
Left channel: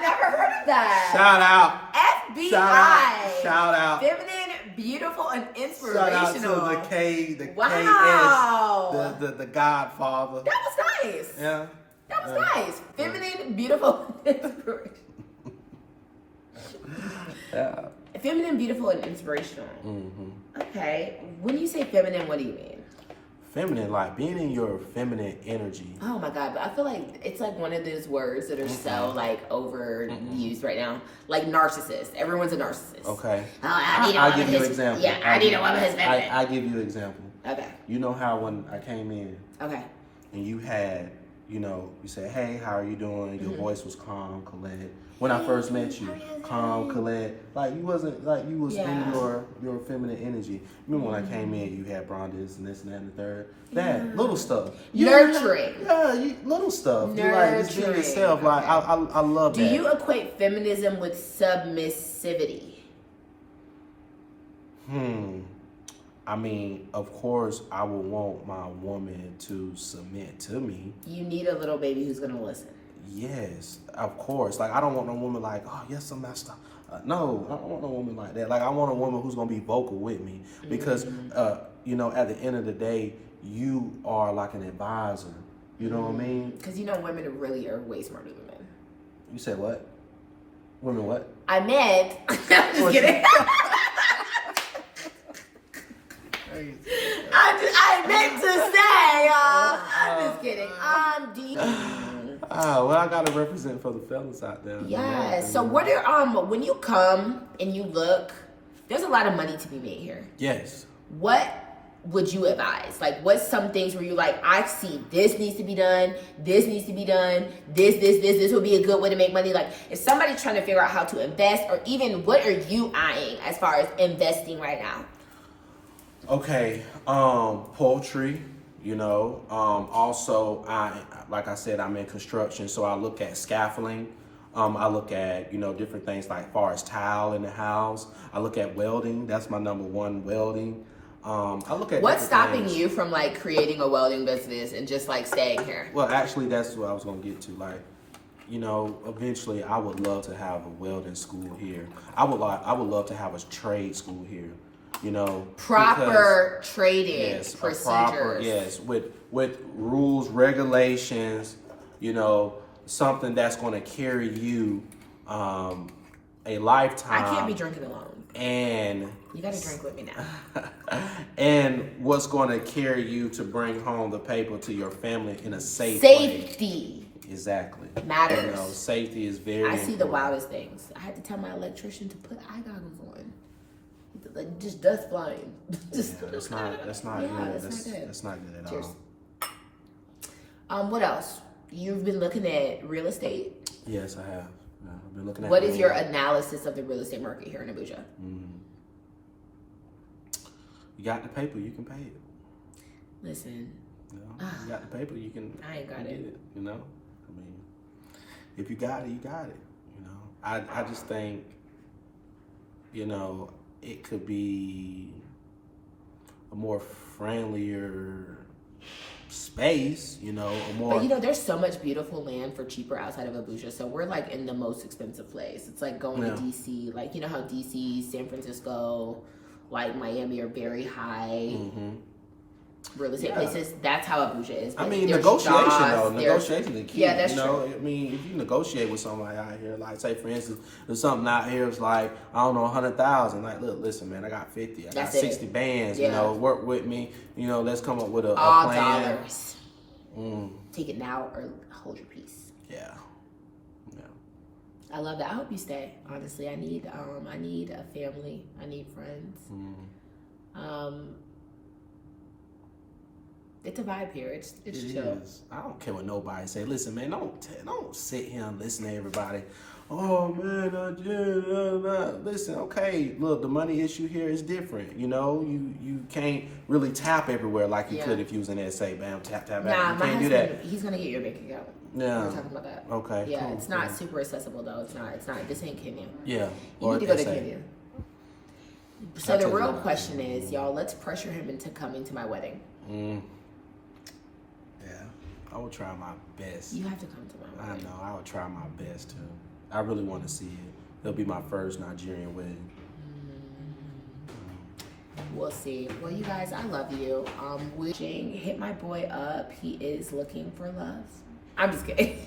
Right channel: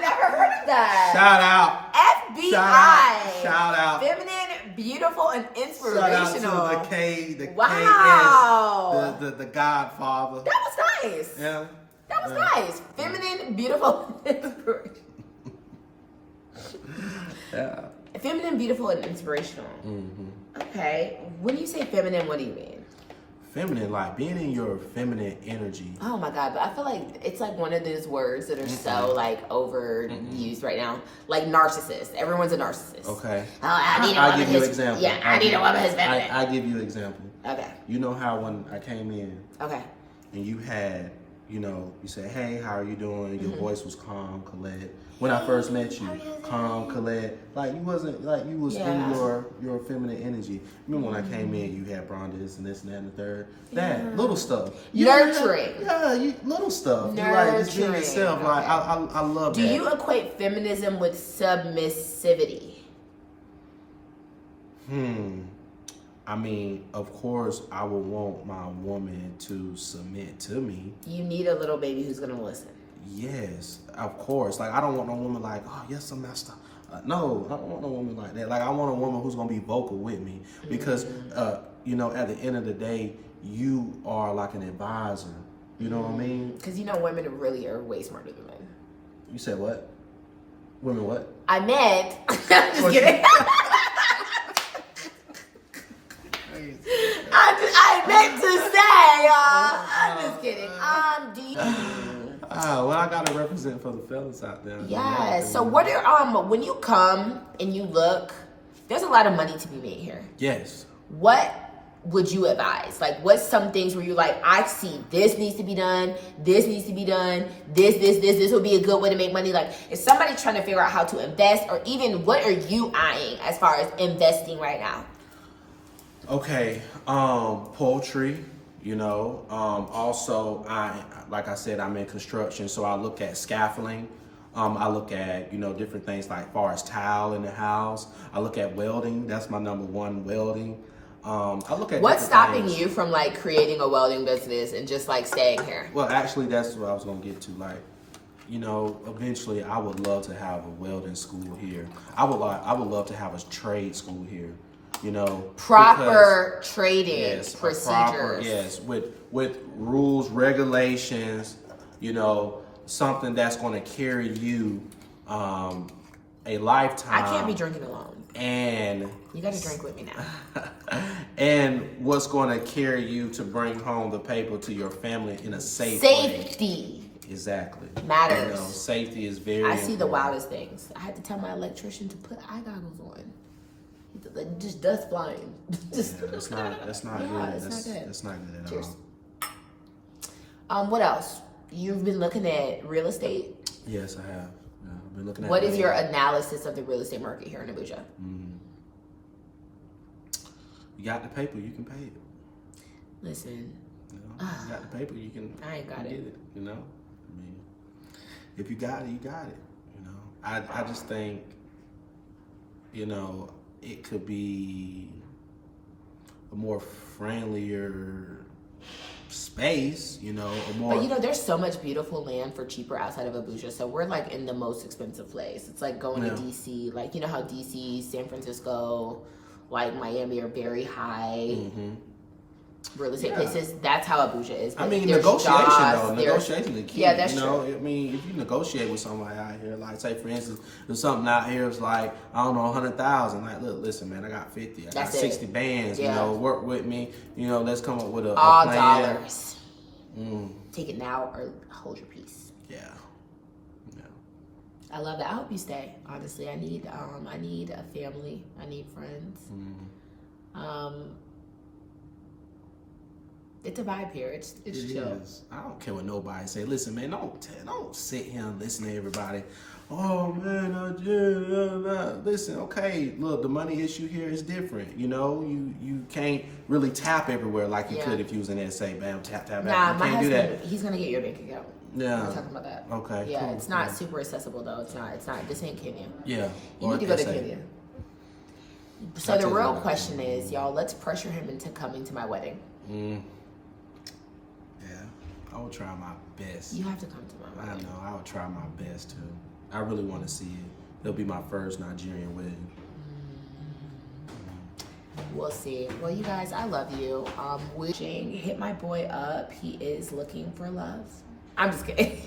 never heard of that. Shout out. FBI. Shout out. Feminine, beautiful, and inspirational. Shout out to the K, the wow. KS, the Godfather. That was nice. Yeah. That was nice. Feminine, beautiful, and inspirational. Yeah. Feminine, beautiful, and inspirational. Mm-hmm. Okay. When you say feminine, what do you mean? Feminine, like being in your feminine energy. Oh my God, but I feel like it's like one of those words that are so like overused right now. Like narcissist. Everyone's a narcissist. Okay. I'll give you an example. Yeah, I need a woman who's feminine. I give you an example. Okay. You know how when I came in and you had, you said, hey, how are you doing? Your voice was calm, Colette. When I first met you, calm, Colette. Like you wasn't, like you was in your feminine energy. Remember when I came in, you had bronzes and this and that and the third. That, little stuff. Nurturing. Little stuff. Nurturing. Like just being yourself. Like I love that. Do you equate feminism with submissivity? I mean, of course, I would want my woman to submit to me. You need a little baby who's gonna listen. Yes, of course. Like, I don't want no woman like, oh, yes, I'm messed up. No, I don't want no woman like that. Like, I want a woman who's gonna be vocal with me because, at the end of the day, you are like an advisor. You know what I mean? Because women really are way smarter than men. You said what? Women what? I meant. I'm just kidding. I meant to say, y'all. I'm just kidding. I'm deep. Well, I gotta represent for the fellas out there. Yeah. So what are when you come and you look, there's a lot of money to be made here. Yes. What would you advise? Like, what's some things where you're like, I see this needs to be done, this needs to be done, this would be a good way to make money. Like, is somebody trying to figure out how to invest, or even what are you eyeing as far as investing right now? Okay, poultry, also like I said, I'm in construction, so I look at scaffolding. I look at, different things like far as tile in the house. I look at welding. That's my number one, welding. I look at what's stopping you from like creating a welding business and just like staying here? Well, actually, that's what I was gonna get to. Like, eventually, I would love to have a welding school here. I would love to have a trade school here. Proper trading procedures. With rules, regulations. Something that's going to carry you a lifetime. I can't be drinking alone. And you got to drink with me now. And what's going to carry you to bring home the paper to your family in a safe Safety. way. Exactly. Matters. Safety is very I see important. the wildest things. I had to tell my electrician to put eye goggles on. Just dust flying. That's not good. That's not good at all. What else? You've been looking at real estate? Yes, I have. I've been looking at What is your analysis of the real estate market here in Abuja? You got the paper, you can pay it. Listen. You got the paper, you can I ain't got get it. I mean, if you got it, you got it. I just think, it could be a more friendlier space, a more. But there's so much beautiful land for cheaper outside of Abuja. So we're like in the most expensive place. It's like going to DC, like how DC, San Francisco, like Miami are very high real estate places. That's how Abuja is. But negotiation is key. Yeah, that's true. I mean, if you negotiate with somebody out here, like say for instance, if something out here is like, I don't know, 100,000, like, look, listen, man, I got 50, I got 60 bands, work with me, let's come up with a plan. Dollars. Take it now or hold your peace. Yeah. I love that. I hope you stay. Honestly, I need a family. I need friends. It's a vibe here. It's It chill. is. I don't care what nobody say. Listen, man, don't sit here and listen to everybody. Oh man, listen. Okay, look, the money issue here is different. You know, you can't really tap everywhere like you could if you was in SA. Bam, tap. Nah, you my can't husband, do that. he's gonna get your bank account. Yeah. We're talking about that. Okay. Yeah, cool, it's not super accessible though. It's not. This ain't Kenya. Yeah. You need to go to SA. Kenya. So the real question is, y'all, let's pressure him into coming to my wedding. Yeah, I will try my best. You have to come to my wedding. I know, I would try my best too. I really want to see it. It'll be my first Nigerian wedding. We'll see. Well, you guys, I love you. Wishing, hit my boy up. He is looking for love. I'm just kidding.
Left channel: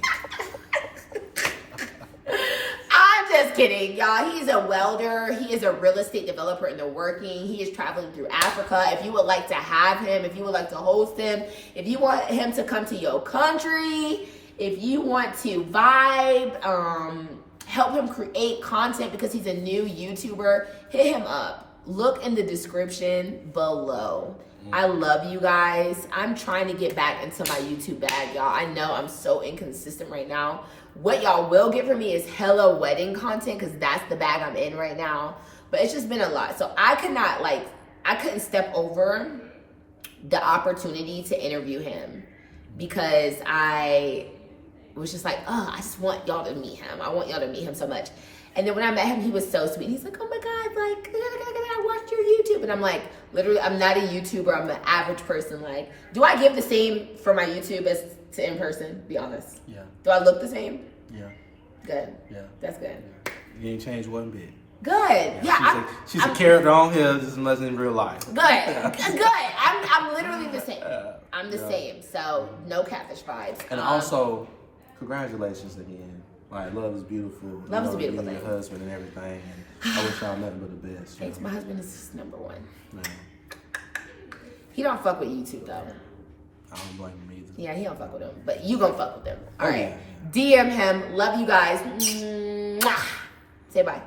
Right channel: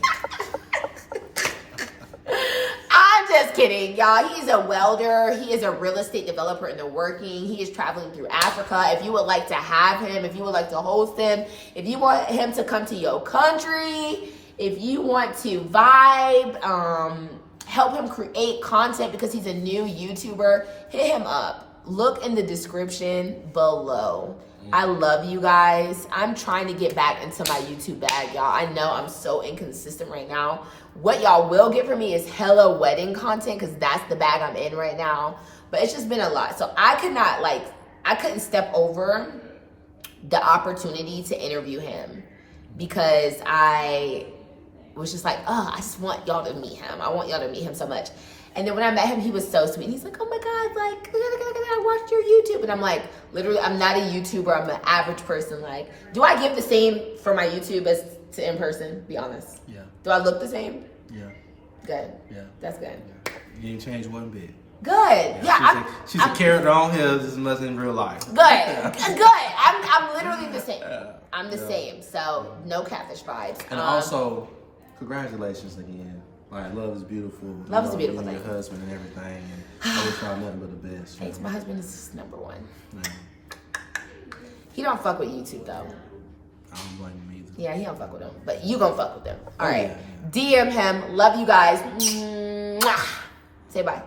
I'm just kidding, y'all. He's a welder. He is a real estate developer in the working. He is traveling through Africa. If you would like to have him, if you would like to host him, if you want him to come to your country, if you want to vibe, help him create content because he's a new YouTuber, hit him up. Look in the description below. I love you guys. I'm trying to get back into my YouTube bag, y'all. I know I'm so inconsistent right now. What y'all will get from me is hella wedding content because that's the bag I'm in right now. But it's just been a lot. So I couldn't step over the opportunity to interview him because I was just like, I just want y'all to meet him. I want y'all to meet him so much. And then when I met him, he was so sweet. He's like, oh my God, like, I watched your YouTube. And I'm like, literally, I'm not a YouTuber. I'm an average person. Like, do I give the same for my YouTube as to in person? Be honest. Yeah. Do I look the same? Yeah. Good. Yeah. That's good. Yeah. You didn't change one bit. Good. Yeah. She's a character on here just as much in real life. Good. Good. I'm literally the same. I'm the same. So no catfish vibes. And also, congratulations again. Like, love is beautiful. Love is a beautiful you thing. and your husband and everything. And I wish y'all nothing but the best. Thanks. My husband is number one. Man, He don't fuck with YouTube though. I don't blame him either. Yeah, he don't fuck with him. But you gonna fuck with him. All right. Yeah. DM him. Love you guys. Mwah. Say bye.